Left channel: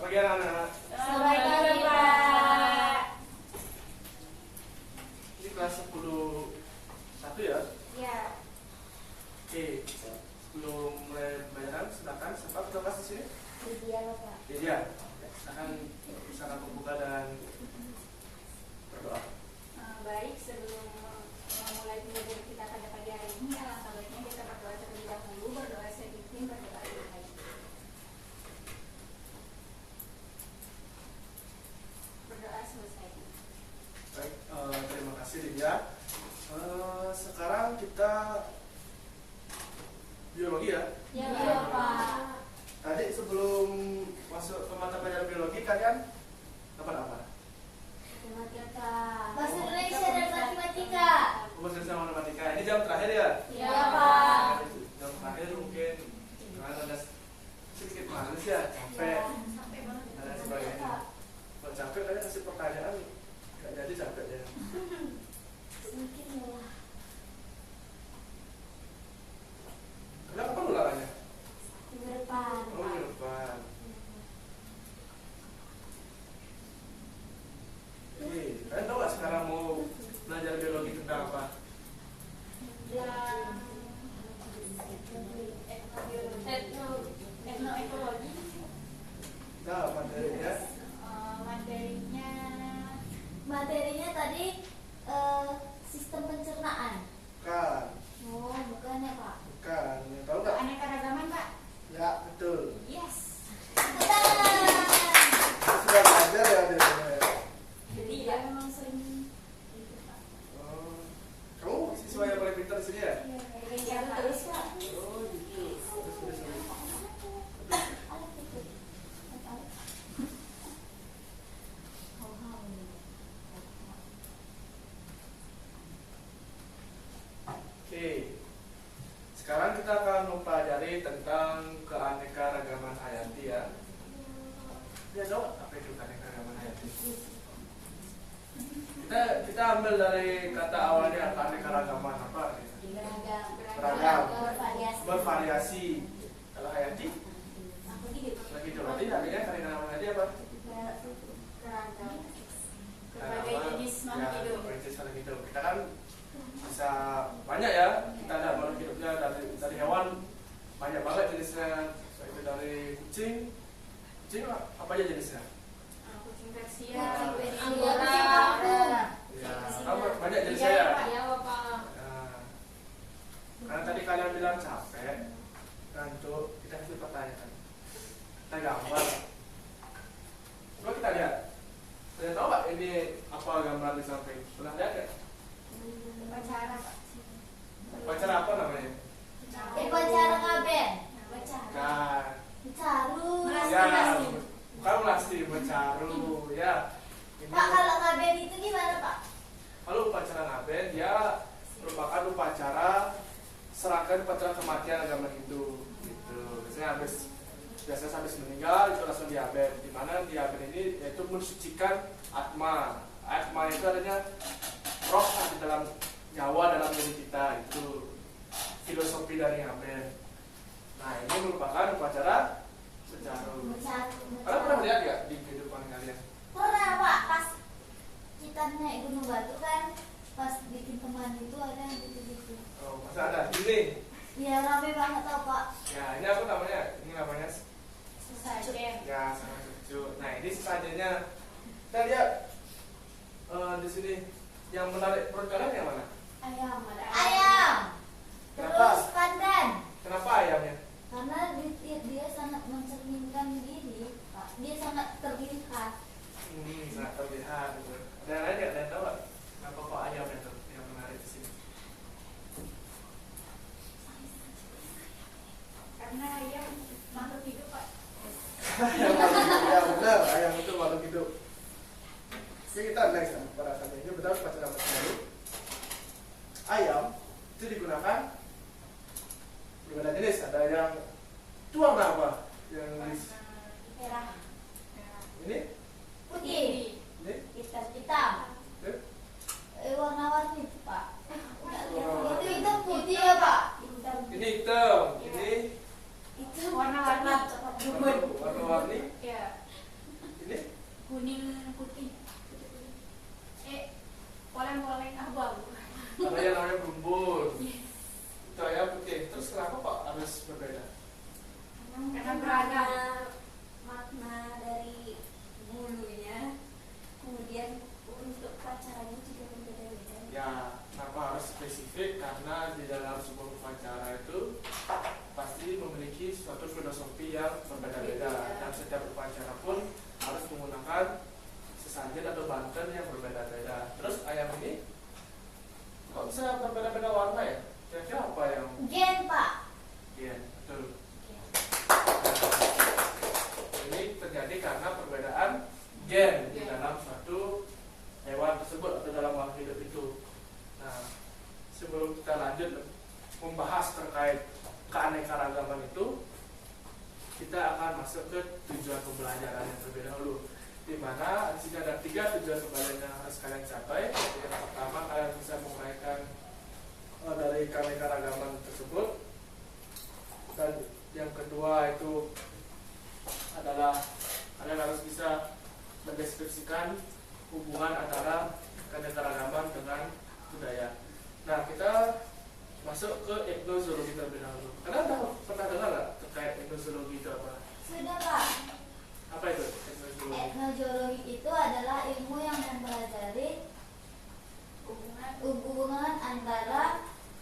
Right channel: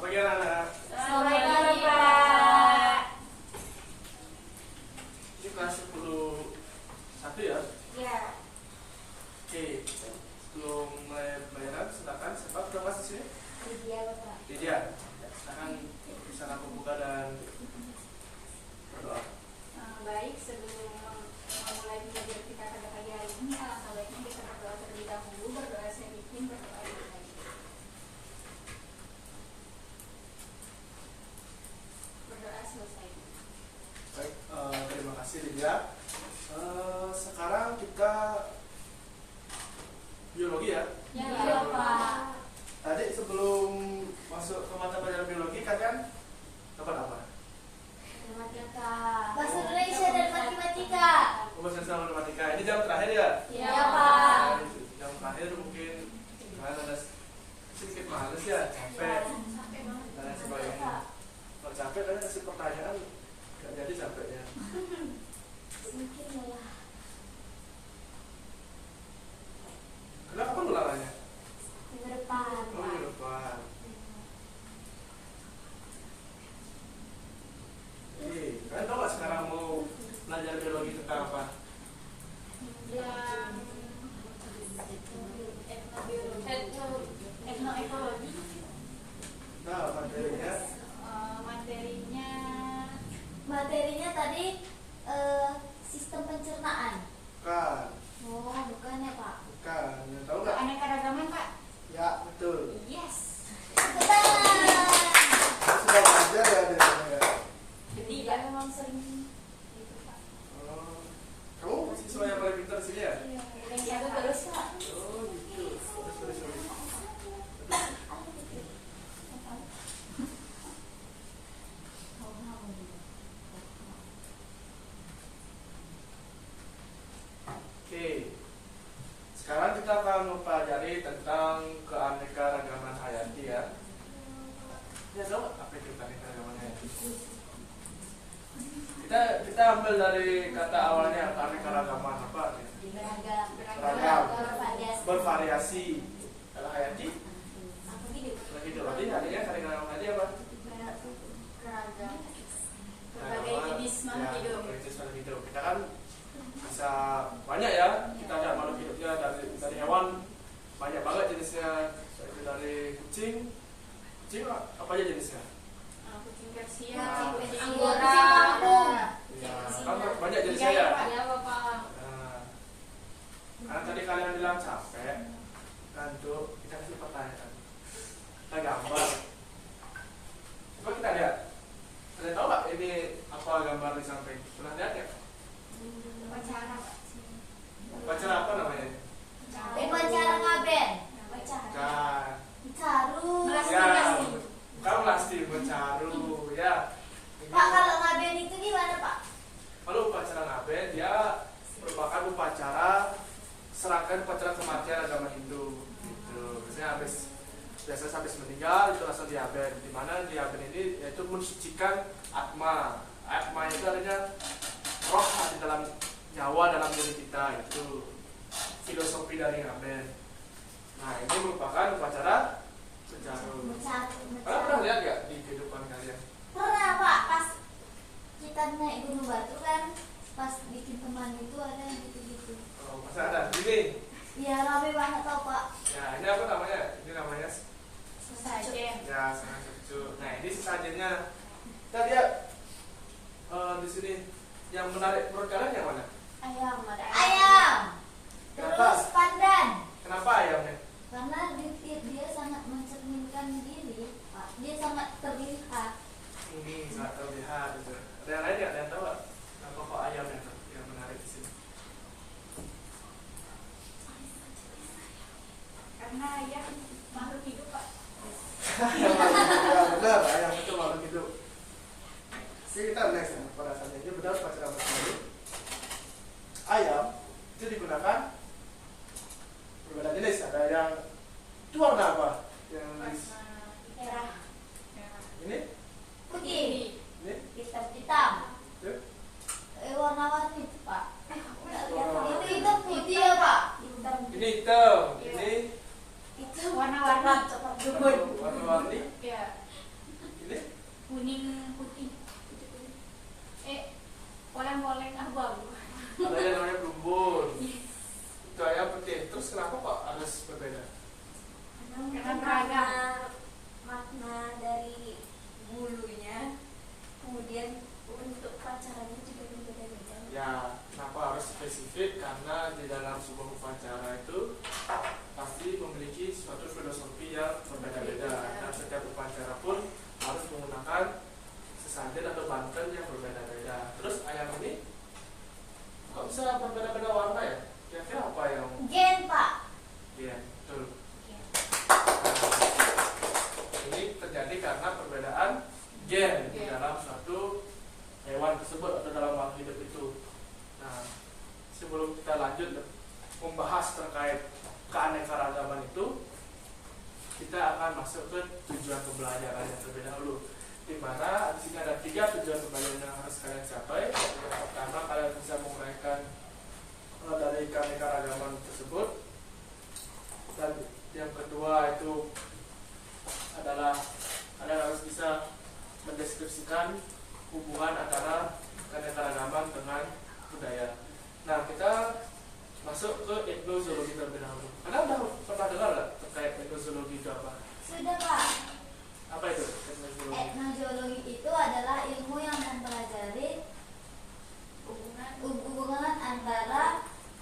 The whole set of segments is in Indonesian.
Selamat pagi anak-anak. Selamat pagi, Pak. Ini kelas 10 ya? Ya. Oke, sebelum mulai pelajaran, silakan siapa ketua kelas di sini? Lydia, Bapak. Lydia. Silakan bisa kamu buka dan berdoa. Baik, sebelum memulai pelajaran kita pada pagi hari ini, alangkah baiknya kita berdoa terlebih dahulu. Berdoa sedikit, berdoa dulu lagi. Berdoa selesai. Baik, terima kasih Lydia. Sekarang kita biologi ya. Ya, Pak. Tadi sebelum masuk ke mata pelajaran biologi kalian dapat apa? Matematika. Bahasa Indonesia dan matematika. Bahasa Indonesia sama matematika. Ini jam terakhir ya? Ya, Pak. Jam terakhir mungkin kalian ada sedikit males ya, capek dan sebagainya. Kalau capek kalian kasih pertanyaan nggak jadi capeknya. Mungkin ya. Kenapa pengulangannya? Minggu depan. Oh, minggu depan. Oke, kalian tahu nggak sekarang mau belajar biologi tentang apa? Etnoekologi. Nah, materinya Materinya tadi sistem pencernaan. bukan, Oh, bukan ya, Pak? bukan. Tahu nggak? Keanekaragaman, Pak. Ya, betul. Yes. Betul. Sudah belajar ya di sana ya. Jadi Iya, memang sering gitu, Pak. Oh, kamu siswa yang paling pintar di sini ya? Iya, terus, Pak. Oh, gitu. Terus. Oke. Sekarang kita akan mempelajari tentang keanekaragaman hayati ya. Ya, tahu nggak apa itu keanekaragaman hayati? Kita ambil dari kata awalnya keanekaragaman apa? Beragam, bervariasi. Kalau hayati, lagi itu berarti adanya keanekaragaman hayati apa? beragam. Berbagai jenis makhluk hidup. Berbagai jenis makhluk hidup. Kita kan bisa banyak ya. Kita ada makhluk hidupnya dari hewan banyak banget jenisnya. Itu dari kucing. Kucing apa aja jenisnya? Kucing Persia, Kucing Anggora, Ya, kan banyak jenisnya ya. Ya, Bapak. Nah, karena tadi kalian bilang capek, ngantuk, kita kasih pertanyaan. Kita gambar. Coba kita lihat. Kalian tahu nggak ini apa gambar di samping? Pernah lihat ya? Upacara. Upacara apa namanya? Upacara ngaben. Bukan. Caru. Ya, bukan melasti, bercaru ya. Ini, Pak, kalau ngaben itu gimana, Pak? kalau upacara ngaben dia merupakan upacara serangkaian upacara kematian agama Hindu. Gitu. Biasanya habis meninggal itu langsung diaben. Di mana diaben ini yaitu mensucikan atma. Atma itu artinya roh di dalam nyawa dalam diri kita, itu filosofi dari ngaben. Nah, ini merupakan upacara secaru. Kalian pernah lihat nggak di kehidupan kalian? Pernah, Pak. Pas kita naik Gunung Batu kan, pas bikin teman itu ada gitu-gitu. Oh, masa ada? Ini. Ya, rame banget tau, Pak. Ya, ini apa namanya? Ini namanya Sesajen. ya sangat cucu. Nah, ini sesajennya. Kita lihat di sini yang menarik perut kalian yang mana? Ayam, ada Ayam. Kenapa? Terus pandan. Kenapa ayamnya? Karena dia sangat mencerminkan diri, Pak. Dia sangat terlihat. Sangat terlihat. Gitu. Ada yang lain nggak? Ada yang tahu nggak? Kenapa kok ayamnya tuh yang menarik di sini? karena ayam makhluk hidup, Pak. Ya benar, ayam itu makhluk hidup. Oke, kita next ya. Pada saat ini benar upacara baru. Ayam itu digunakan berbeda jenis. Ada yang itu warna apa? Yang Merah. ini? Putih. Ini? Hitam. Ini? Warna-warni, Pak. Warna-warni. Itu hitam putih ya, Pak? Hitam. Ini hitam. Iya. Ini Itu Warna-warni. warna-warni. Ya. beragam. makna dari bulunya, kemudian untuk pacarannya juga berbeda-beda. Ya, kenapa harus spesifik? Karena di dalam sebuah upacara itu pasti memiliki suatu filosofi yang berbeda-beda, dan setiap upacara pun harus menggunakan sesajen atau banten yang berbeda-beda. Terus ayam ini kok bisa berbeda-beda warna ya? Kira-kira apa yang Gen, Pak. iya, betul. Ini terjadi karena perbedaan gen di dalam suatu hewan tersebut atau dalam makhluk hidup itu. Nah, sebelum kita lanjut membahas terkait keanekaragaman itu, kita akan masuk ke tujuan pembelajaran yang terlebih dahulu. Di mana di sini ada 3 tujuan pembelajaran yang harus kalian capai. Yang pertama, kalian bisa menguraikan dari keanekaragaman tersebut, dan yang kedua itu adalah kalian harus bisa mendeskripsikan hubungan antara keanekaragaman dengan budaya. Nah, kita masuk ke etnozoologi terlebih dahulu. Kalian pernah dengar nggak terkait etnozoologi itu apa? Sudah, Pak. Apa itu etnozoologi? Etnozoologi itu adalah ilmu yang mempelajari hubungan antara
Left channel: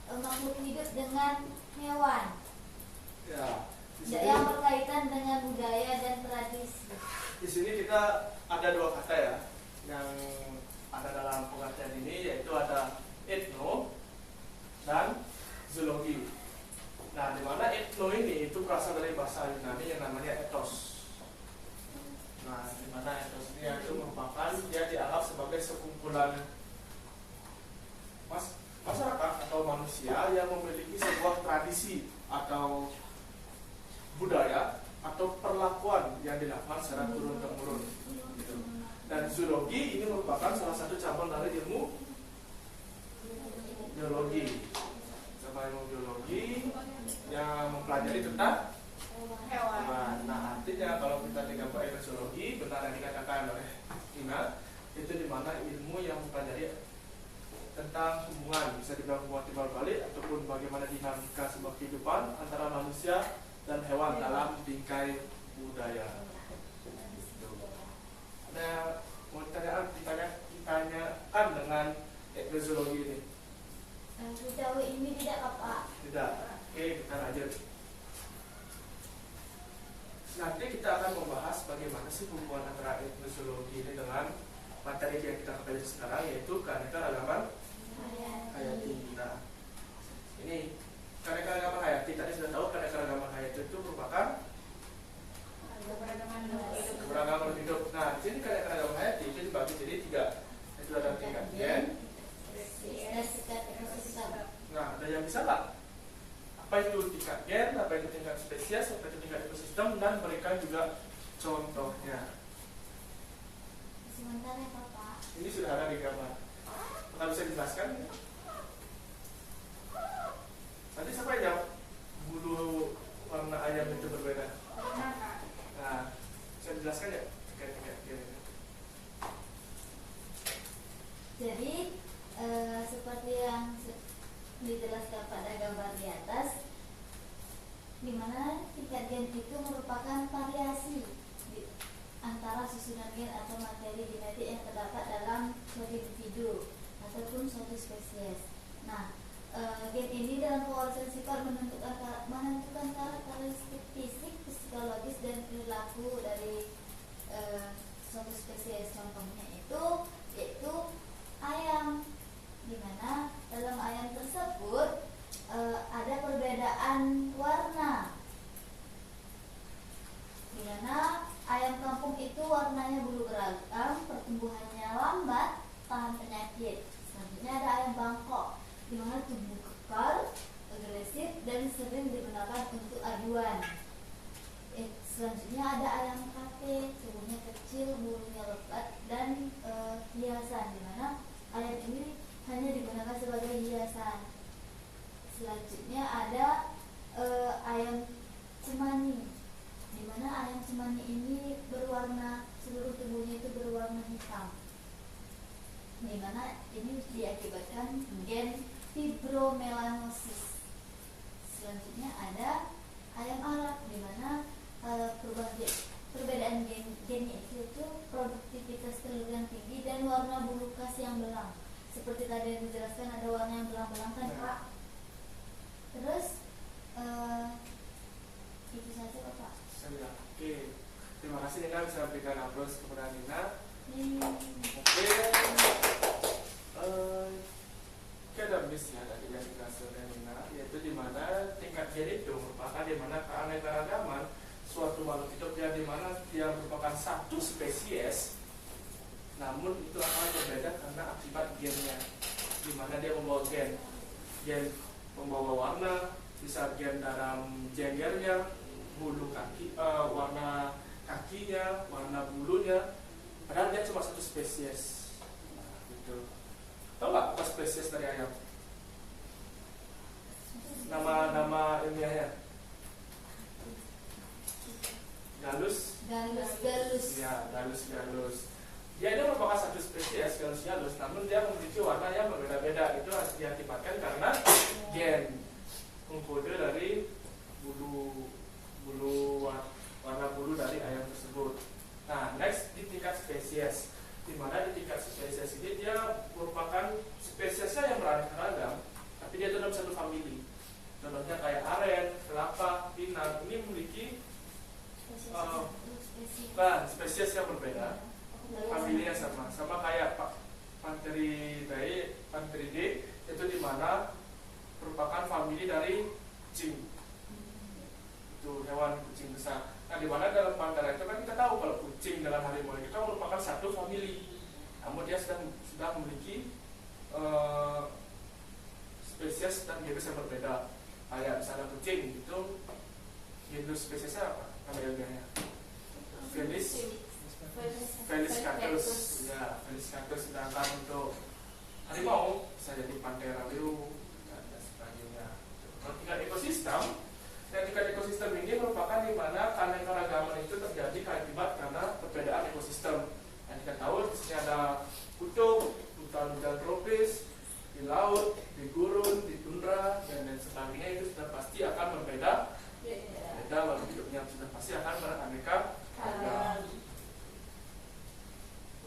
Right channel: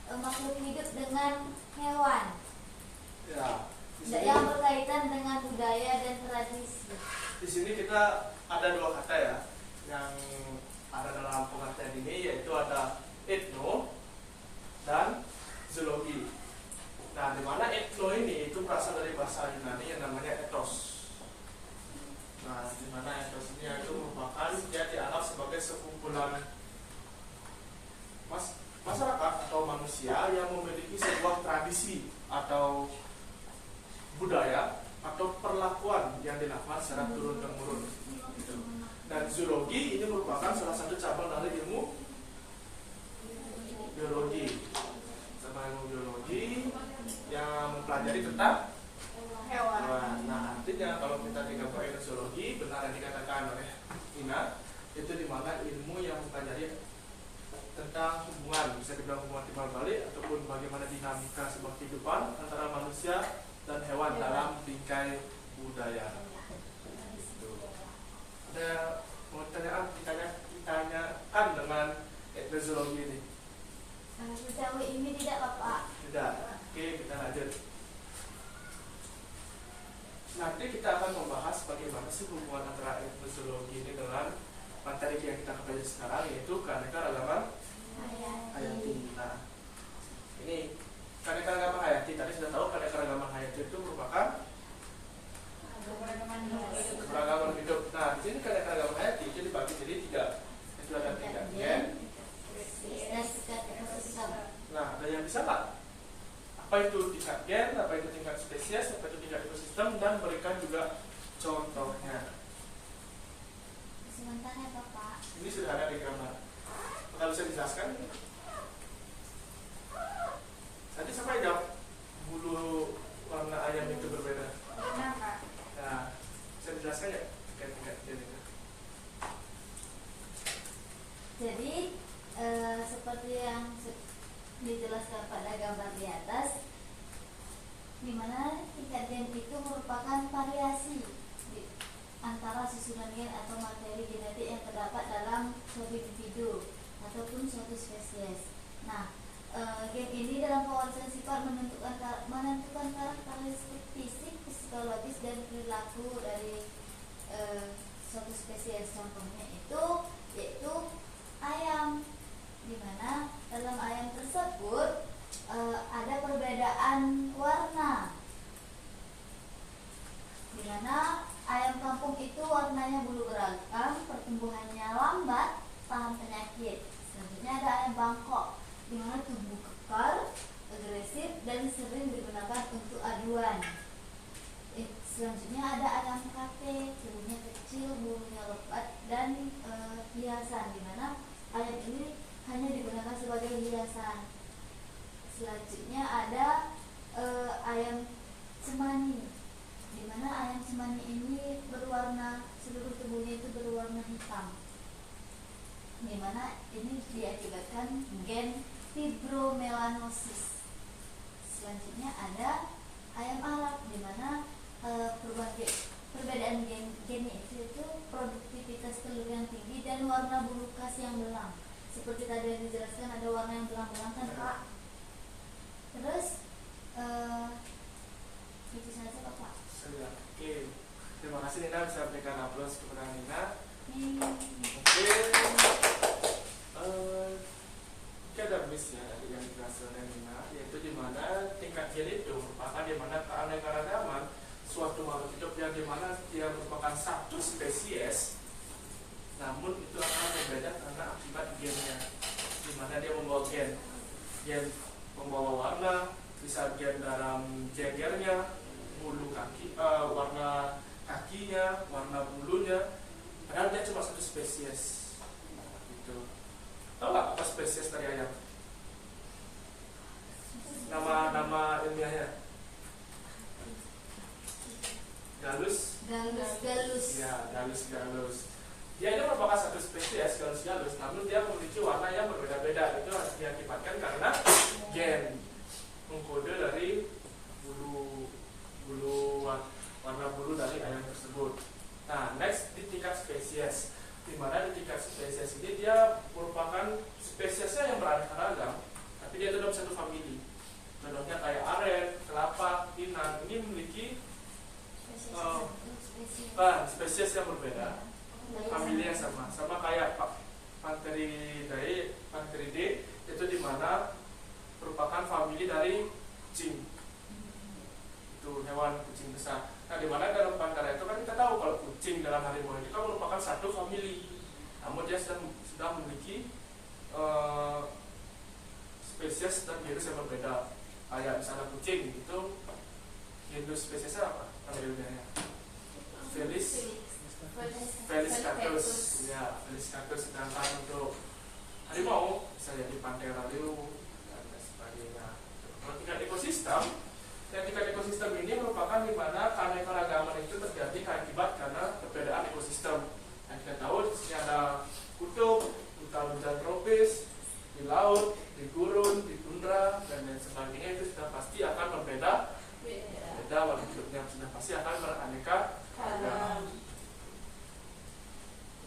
makhluk hidup dengan hewan, Ya, yang berkaitan dengan budaya dan tradisi. di sini kita ada 2 kata ya yang ada dalam pengertian ini, yaitu ada etno dan zoologi. Nah, di mana etno ini itu berasal dari bahasa Yunani yang namanya ethos. Nah, di mana ethos ini itu merupakan, dia dianggap sebagai sekumpulan masyarakat atau manusia yang memiliki sebuah tradisi atau budaya atau perlakuan yang dilakukan secara turun temurun. Gitu. Dan zoologi ini merupakan salah satu cabang dari ilmu biologi. Sama ilmu biologi yang mempelajari tentang hewan. Nah, artinya kalau kita digabungkan dengan zoologi, benar yang dikatakan oleh Ina, itu dimana ilmu yang mempelajari tentang hubungan, bisa dibilang hubungan timbal balik ataupun bagaimana dinamika sebuah kehidupan antara manusia dan hewan dalam bingkai budaya. Ada mau ditanyakan dengan etnozoologi ini? Sejauh ini tidak, Pak. Tidak. Oke, kita lanjut. Nanti kita akan membahas bagaimana sih hubungan antara etnozoologi ini dengan materi yang kita pelajari sekarang, yaitu keanekaragaman hayati. Nah, ini keanekaragaman hayati. Tadi sudah tahu keanekaragaman hayati itu merupakan keberagaman hidup. Nah, di sini keanekaragaman hayati itu dibagi jadi 3. Itu ada tingkat gen. Nah, ada yang bisa nggak? Apa itu tingkat gen? Apa itu tingkat spesies? Apa itu tingkat ekosistem? Dan berikan juga contohnya. Sebentar ya, Bapak. Ini sudah ada di gambar. Kalau bisa dijelaskan? Tadi siapa yang jawab bulu warna ayam itu berbeda? Nah, bisa dijelaskan nggak tingkat gen itu? Jadi seperti yang dijelaskan pada gambar di atas, di mana tingkat gen itu merupakan variasi antara susunan gen atau materi genetik yang terdapat dalam suatu individu ataupun suatu spesies. Nah, gen ini dalam pewarisan sifat menentukan karakteristik fisik, psikologis dan perilaku dari suatu spesies. Contohnya itu yaitu ayam, di mana dalam ayam tersebut ada perbedaan warna, di mana ayam kampung itu warnanya bulu beragam, pertumbuhannya lambat, tahan penyakit. Selanjutnya ada ayam Bangkok, di mana tubuh kekar, agresif dan sering digunakan untuk aduan. Selanjutnya ada ayam kate, tubuhnya kecil, bulunya lebat dan hiasan, di mana ayam ini hanya digunakan sebagai hiasan. Selanjutnya ada ayam cemani, di mana ayam cemani ini berwarna, seluruh tubuhnya itu berwarna hitam, di mana ini diakibatkan gen fibromelanosis. Selanjutnya ada ayam Arab, di mana terima kasih Nina bisa berikan aplaus kepada Nina. Hmm. Oke, ada miss ya tadi yang dikasih oleh Nina, yaitu di mana tingkat gen itu merupakan di mana keanekaragaman suatu makhluk hidup yang di mana dia merupakan satu spesies, namun itu akan berbeda karena akibat gennya, di mana dia membawa gen pembawa warna, bisa gen dalam jengernya, bulu kaki, warna kakinya, warna bulunya, padahal dia cuma satu spesies. Nah, gitu. Tahu nggak apa spesies dari ayam? Nama ilmiahnya? Galus. Ya, galus. Dia ini merupakan satu spesies galus, namun dia memiliki warna yang berbeda-beda. Itu diakibatkan karena gen mengkode dari warna bulu dari ayam tersebut. Nah, next di tingkat spesies, di mana di tingkat spesies ini dia merupakan spesiesnya yang beraneka ragam, tapi dia dalam satu famili. Contohnya kayak aren, kelapa, pinang, ini memiliki spesies yang berbeda, famili yang sama kayak Pantheridae, itu di mana merupakan famili dari kucing, itu hewan kucing besar. Nah, di mana dalam Panthera itu kan kita tahu kalau kucing dalam harimau itu kan merupakan satu famili, namun dia sudah memiliki spesies dan genus yang berbeda. Kayak misalnya kucing itu genus spesiesnya apa? Namanya Felis catus. Ya, Felis catus. Sedangkan untuk harimau bisa jadi Panthera liu dan sebagainya. Kalau tingkat ekosistem, ini merupakan di mana keanekaragaman itu terjadi akibat karena perbedaan ekosistem. Dan kita tahu di sini ada kutub, hutan tropis, di laut, di gurun, di tundra, dan lain sebagainya. Itu sudah pasti akan berbeda. Makhluk hidupnya sudah pasti akan beraneka ragam.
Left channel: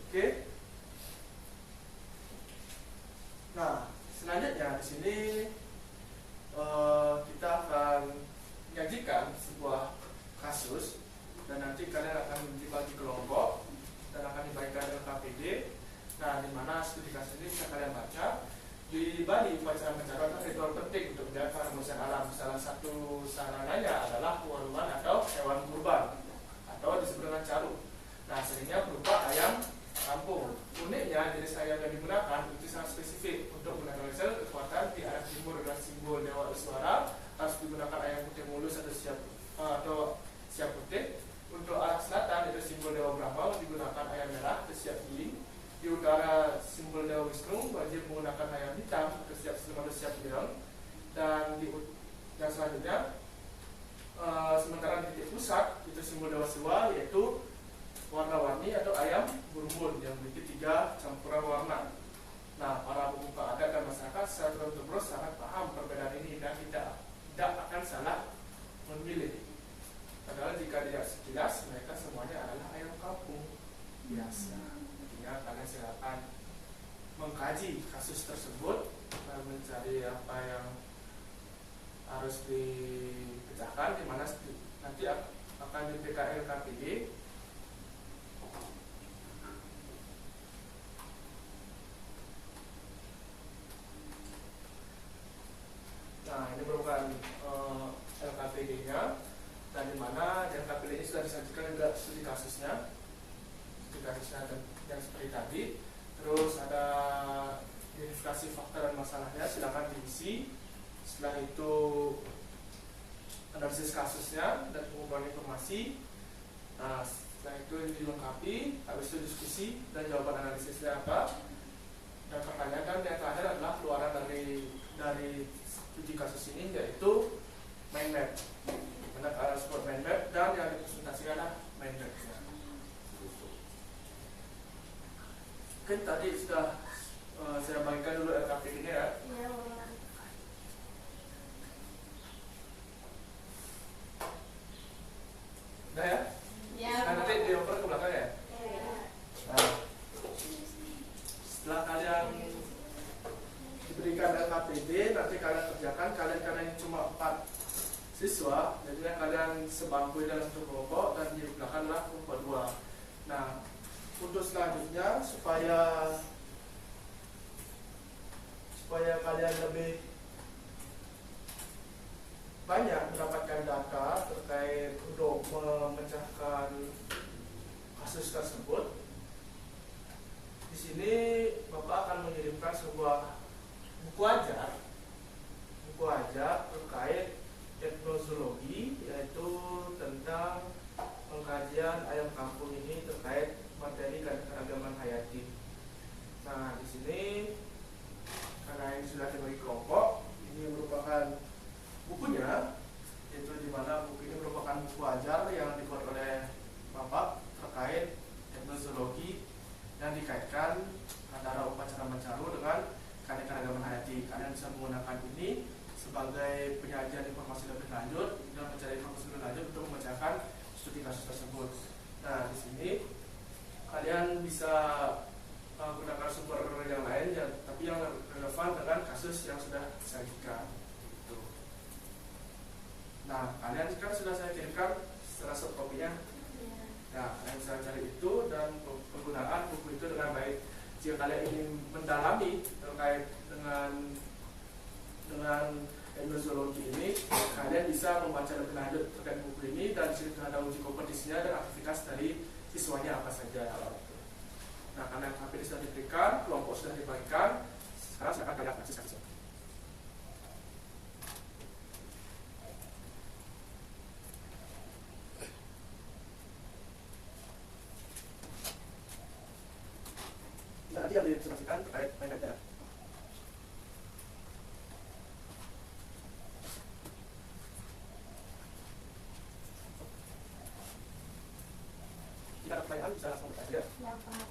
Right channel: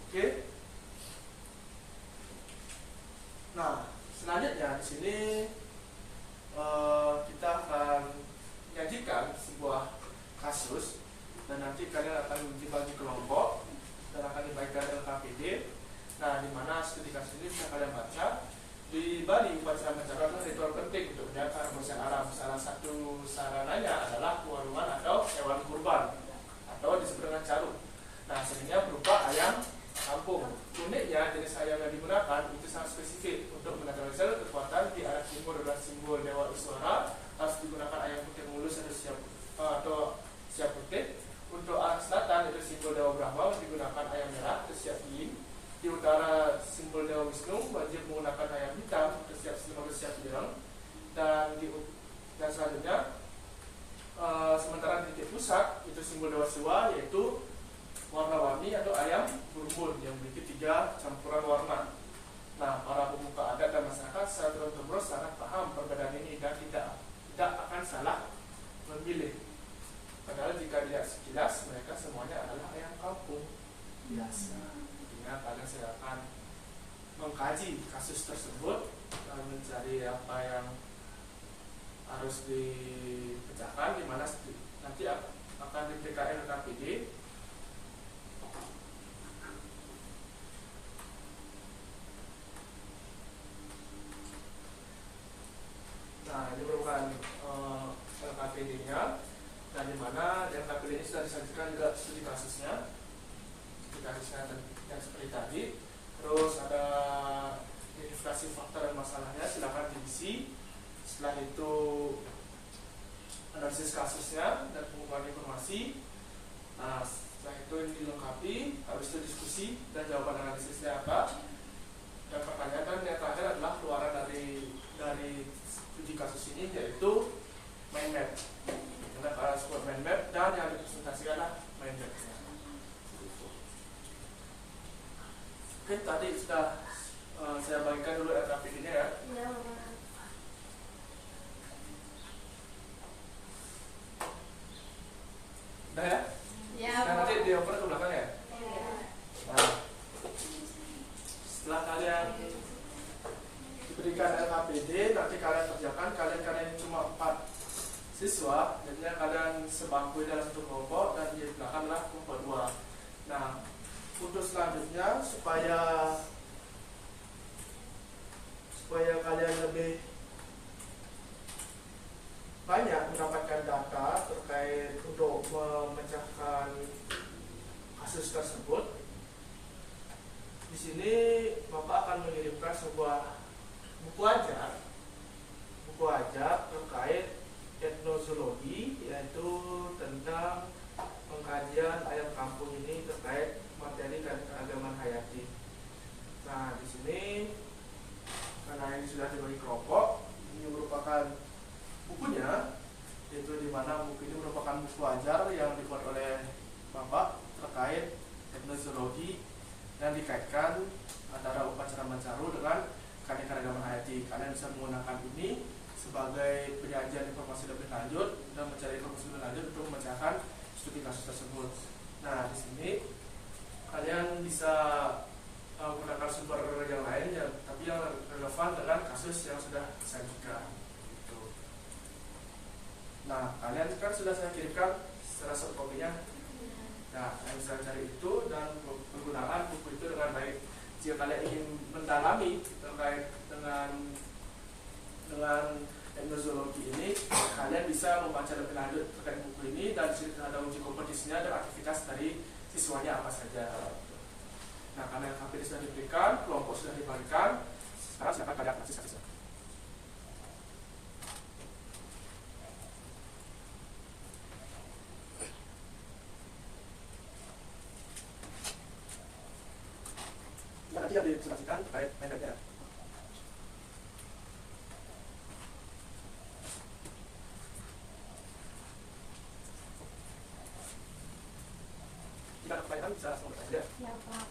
Oke. Nah, selanjutnya di sini kita akan menyajikan sebuah kasus, dan nanti kalian akan dibagi kelompok dan akan dibagikan LKPD. Nah, di mana studi kasus ini bisa kalian baca. Di Bali, upacara mencatat ritual penting untuk menjaga kebersihan alam. Salah satu sarananya adalah tuan-tuan atau hewan kurban, atau disebut dengan caru. Nah, seringnya berupa ayam kampung. Uniknya, jenis ayam yang digunakan itu sangat spesifik untuk menetralisir kekuatan di arah timur dan simbol Dewa Iswara harus digunakan ayam putih mulus atau siap putih. Untuk arah selatan, itu simbol Dewa Brahma, digunakan ayam merah atau siap yin. Di utara, simbol Dewa Wisnu wajib menggunakan ayam hitam untuk siap bilang. Dan selanjutnya, sementara di titik pusat itu simbol Dewa Siwa, yaitu warna-warni atau ayam burbun yang memiliki 3 campuran warna. Nah, para pemuka adat dan masyarakat secara terus sangat paham perbedaan ini dan tidak akan salah memilih. Padahal jika dilihat sekilas, mereka semuanya adalah ayam kampung biasa. Kalian silakan mengkaji kasus tersebut dan mencari apa yang harus dipecahkan, di mana nanti akan diberikan LKPD. Nah, ini merupakan LKPD-nya, dan di mana LKPD ini sudah disajikan juga studi kasusnya yang seperti tadi. Terus ada identifikasi fakta dan masalahnya, silakan diisi. Setelah itu analisis kasusnya dan pengumpulan informasi. Nah, setelah itu ini dilengkapi, habis itu diskusi dan jawaban analisisnya apa. Dan pertanyaan yang terakhir adalah keluaran dari uji kasus ini, yaitu mind map. Ada sebuah mind map dan yang dipresentasikan adalah mind map. Mungkin tadi sudah saya bagikan dulu LKPD-nya ya. Iya. Udah ya? Iya. Nah, nanti dioper ke belakang ya. Iya. Nah, setelah kalian diberikan LKPD, nanti kalian kerjakan. Kalian cuma 4 siswa, jadinya kalian sebangku buku ini adalah satu kelompok dan di belakang adalah kelompok dua. Nah, untuk selanjutnya supaya kalian lebih banyak mendapatkan data terkait untuk memecahkan kasus tersebut, di sini Bapak akan mengirimkan sebuah buku ajar terkait etnozoologi, yaitu tentang pengkajian ayam kampung ini terkait materi keragaman hayati. Nah, di sini karena ini sudah dibagi kelompok, ini merupakan bukunya, yaitu di mana buku ini merupakan buku ajar yang dibuat oleh Bapak terkait etnozoologi dan dikaitkan antara upacara Mancaru dengan keanekaragaman hayati. Kalian bisa menggunakan ini sebagai penyajian informasi lebih lanjut dan mencari informasi lebih lanjut untuk memecahkan studi kasus tersebut. Nah, di sini kalian bisa menggunakan sumber yang lain, tapi yang relevan dengan kasus yang sudah disajikan. Gitu. Nah, kalian kan sudah saya kirimkan secara soft copy-nya. Nah, kalian bisa cari itu dan penggunaan buku itu dengan baik. Jika kalian ingin mendalami terkait dengan etnozoologi ini, kalian bisa membaca lebih lanjut terkait buku ini, dan di sini ada uji kompetisinya dan aktivitas dari siswanya apa saja. Nah, karena KPI sudah diberikan, kelompok sudah dibagikan, sekarang silakan kalian kasus-kasusnya. Nanti yang dipresentasikan terkait mainannya. Jika ada pertanyaan bisa langsung bertanya saja. Ya, Pak.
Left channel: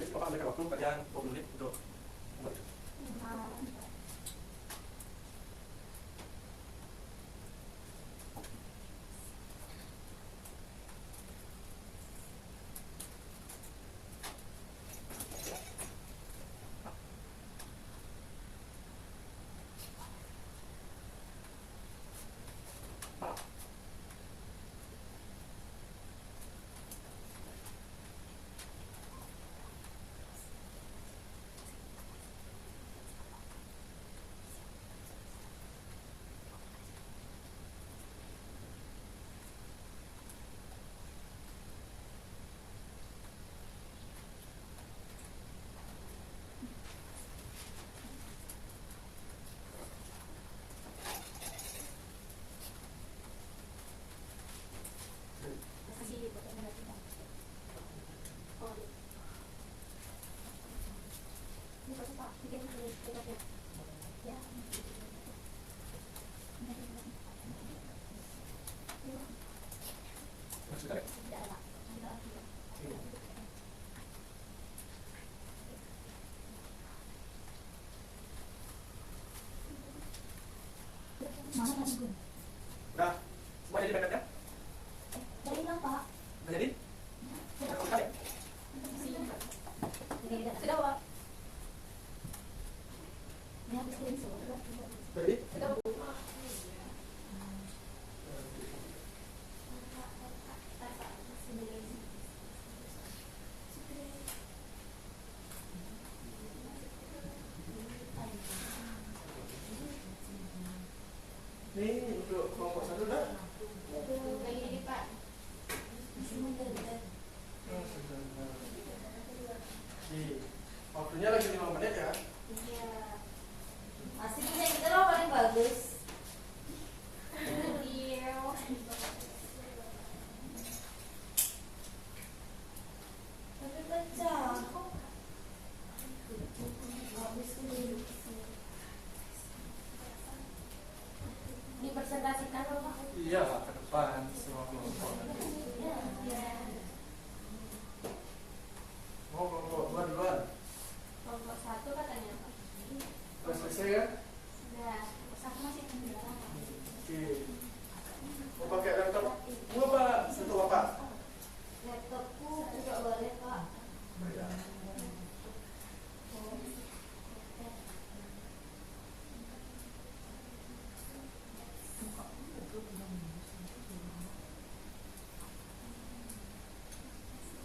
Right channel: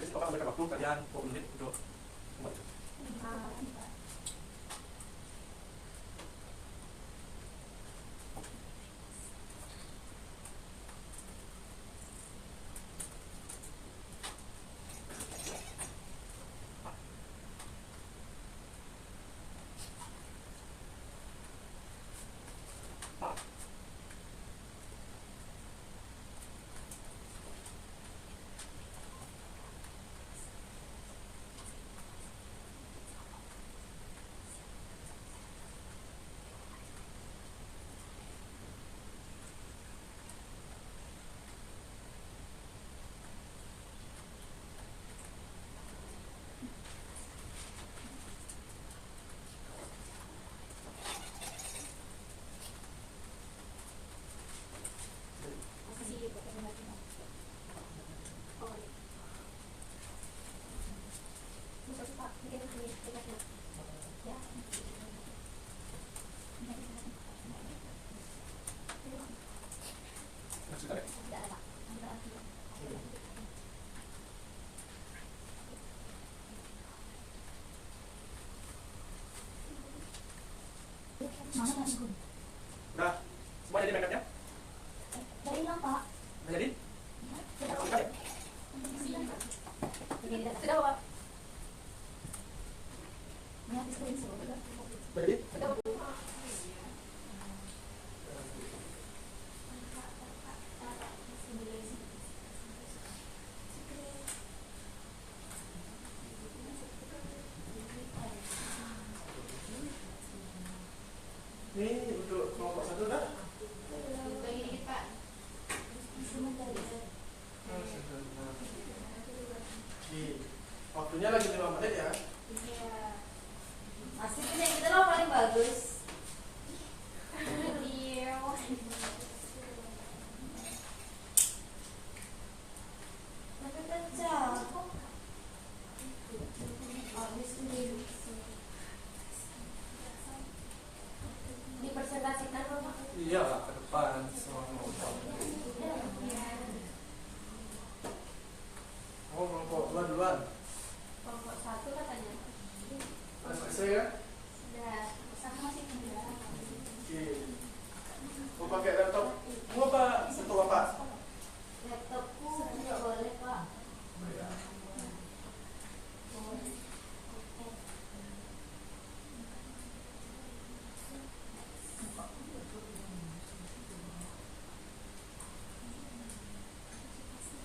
Jadi Bapak memberikan waktu kalian 20 menit untuk membuat itu. Nah, semua jadi backupnya? Dari hilang, Pak. Udah jadi? Sudah, Pak. Ini habis screenshot. Udah jadi? Sudah, Pak. Ini untuk kelompok satu udah? Lagi dikit, Pak. Waktunya lagi 5 menit ya. Iya. Masih punya kita loh paling bagus. Iya. Tapi kencang. Habis ini. Oke. Mau pakai laptop? Mau apa? Laptop apa? Laptopku juga boleh pak. Ya.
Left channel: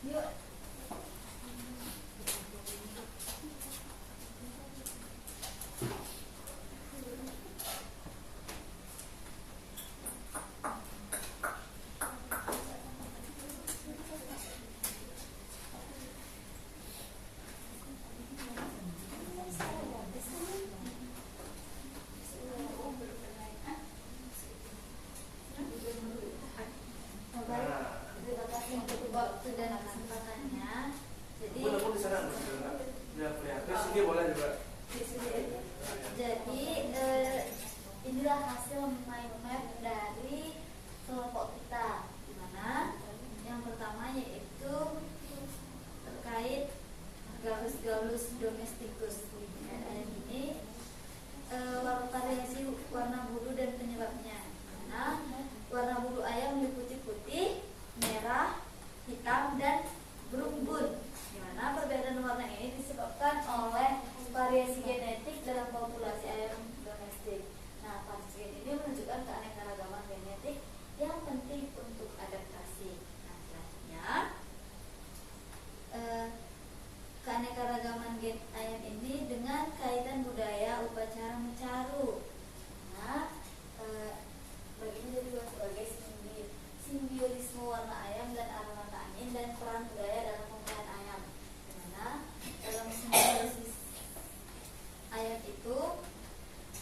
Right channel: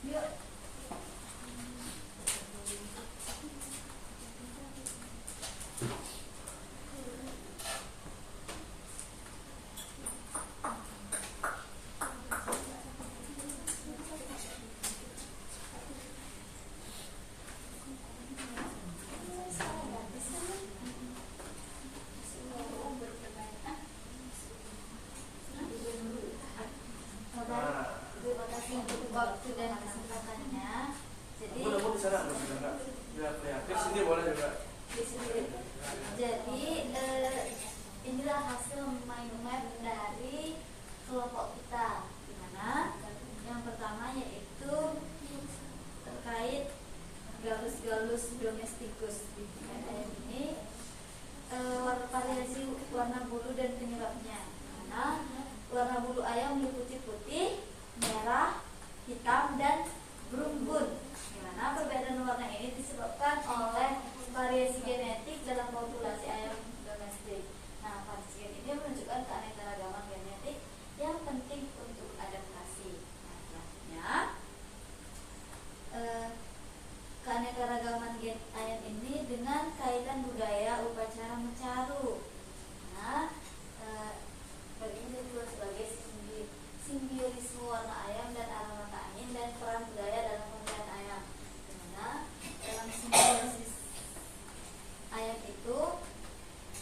Yuk. Terima kasih untuk waktu dan kesempatannya. Jadi Aku di sana nggak bisa nggak? Ya, kelihatan. Sini boleh juga. Jadi inilah hasil mind map dari kelompok kita, di mana yang pertama yaitu terkait galus-galus domestikus. Ini variasi warna bulu dan penyebabnya. Karena warna bulu ayam meliputi putih, merah, hitam, dan berumbun. Di mana perbedaan warna ini disebabkan oleh variasi genetik dalam populasi ayam domestik. Nah, variasi gen ini menunjukkan keanekaragaman genetik yang penting untuk adaptasi. Nah, selanjutnya keanekaragaman gen ayam ini dengan kaitan budaya upacara mencaru. Nah, bagi menjadi sebagai simbiolisme warna ayam dan aroma angin dan peran budaya dalam pemeliharaan ayam. Dimana dalam simbiosis ayam itu,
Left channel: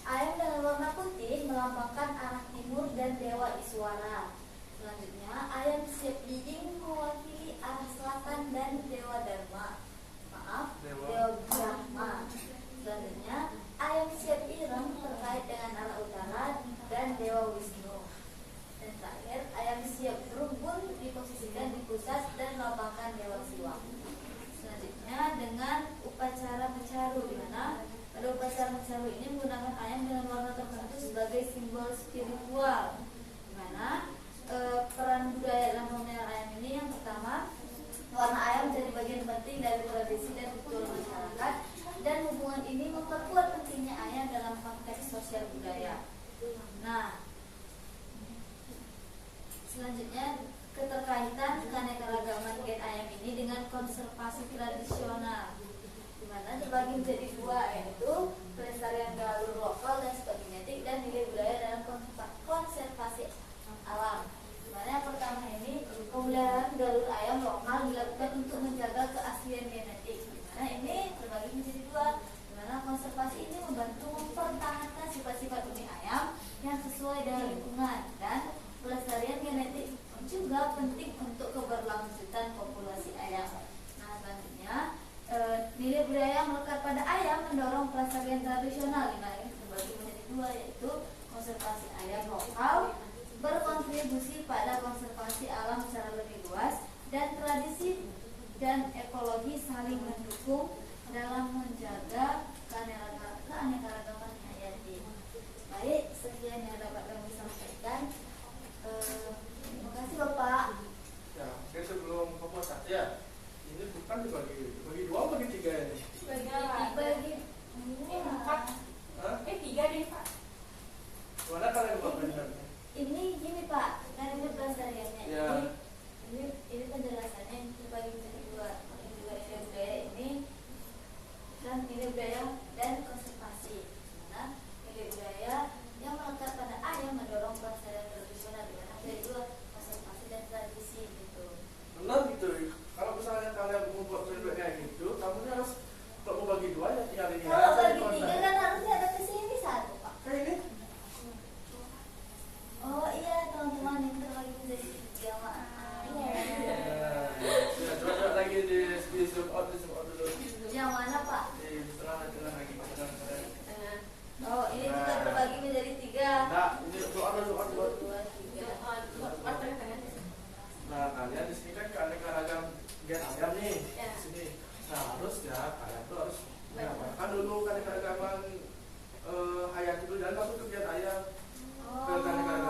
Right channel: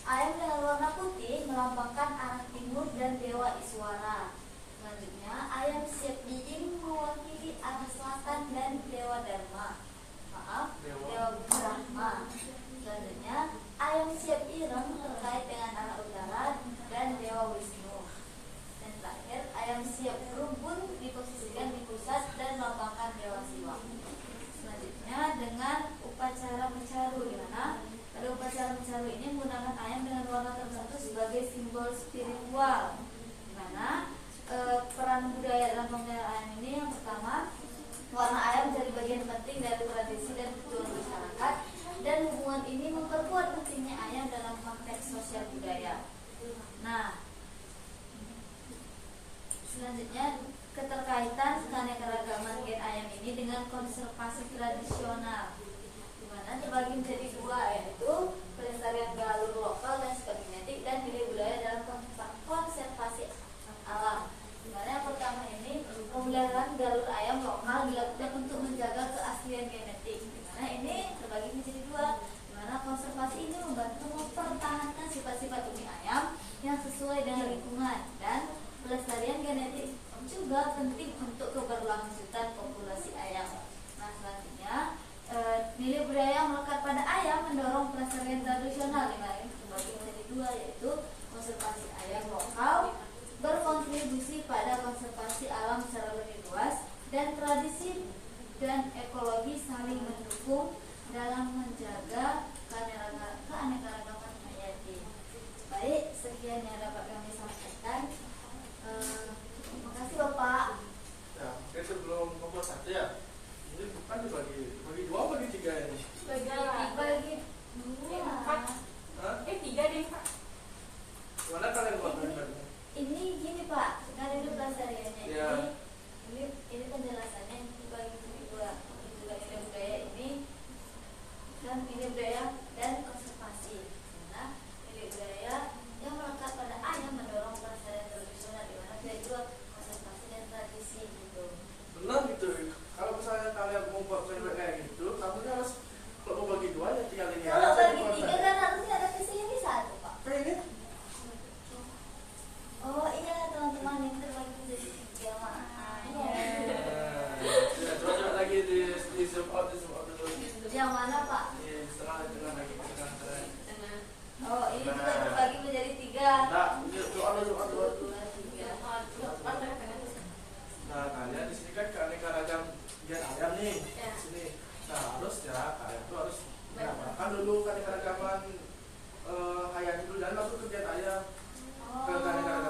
ayam dengan warna putih melambangkan arah timur dan dewa Iswara. Selanjutnya, ayam siap diing mewakili arah selatan dan dewa Dharma. Dewa Brahma. Selanjutnya, ayam siap ireng terkait dengan arah utara dan dewa Wisnu. Dan terakhir, ayam siap berumbun diposisikan di pusat dan melambangkan dewa Siwa. Selanjutnya, dengan upacara mencaru, di mana pada upacara mencaru ini menggunakan ayam dengan warna tertentu sebagai simbol spiritual. Di mana peran budaya dalam pemeliharaan ayam ini yang pertama, warna ayam menjadi bagian penting dari tradisi dan kultur masyarakat, dan hubungan ini memperkuat pentingnya ayam dalam konteks sosial budaya. Nah, selanjutnya keterkaitan keanekaragaman gen ayam ini dengan konservasi tradisional, di mana terbagi menjadi dua, yaitu pelestarian galur lokal dan genetik dan nilai budaya dalam konservasi alam. Di mana yang pertama ini pemeliharaan galur ayam lokal dilakukan untuk menjaga keaslian genetik. Di mana ini terbagi menjadi dua, di mana konservasi ini membantu mempertahankan sifat-sifat unik ayam yang sesuai dengan lingkungan, dan pelestarian genetik juga penting untuk keberlanjutan populasi ayam. Nah, selanjutnya nilai budaya yang melekat pada ayam mendorong pelestarian tradisional, di mana ini terbagi menjadi dua, yaitu konservasi ayam lokal berkontribusi pada konservasi alam secara lebih luas, dan tradisi dan ekologi saling mendukung dalam menjaga keanekaragaman hayati. Baik, sekian yang dapat kami sampaikan. Terima kasih Bapak. Ya, mungkin sebelum kompos satu ya. Ini bukan bagi dua, bagi tiga ini. Bagi Empat. Hah? Tiga deh Pak. Gimana kalian buat benar? ini gini Pak, kan ini pelestariannya. Ya. Ini penjelasannya dibagi menjadi dua, juga nilai budaya ini dan nilai budaya dan konservasi. Nah, nilai budaya yang melekat pada ayam mendorong pelestarian tradisional, di mana ada dua, konservasi dan tradisi gitu. Benar gitu. Kalau misalnya kalian mau buat bebek kayak gitu, kamu harus kalau mau bagi dua ya tinggal ini. Kalau aja, bagi bukan tiga saya. kan harusnya ada di sini satu Pak. Kayak ini. Oh iya teman-teman, ini terbagi menjadi tiga maaf. Iya. Nah, coba lagi di zoom out dulu. Yang mana Pak? Di tengah lagi ke tengah. Oh ini juga terbagi menjadi tiga. Nah, ini zoom out dulu. Dua, tiga. Nah, kalian di sini kan keanekaragam gen ayam nih. Ya. Di sini. Nah, harus ya kalian tuh harus mengamalkan dulu keanekaragaman hayati dulu dan langsung ke gen ayam. Ke keanekaragaman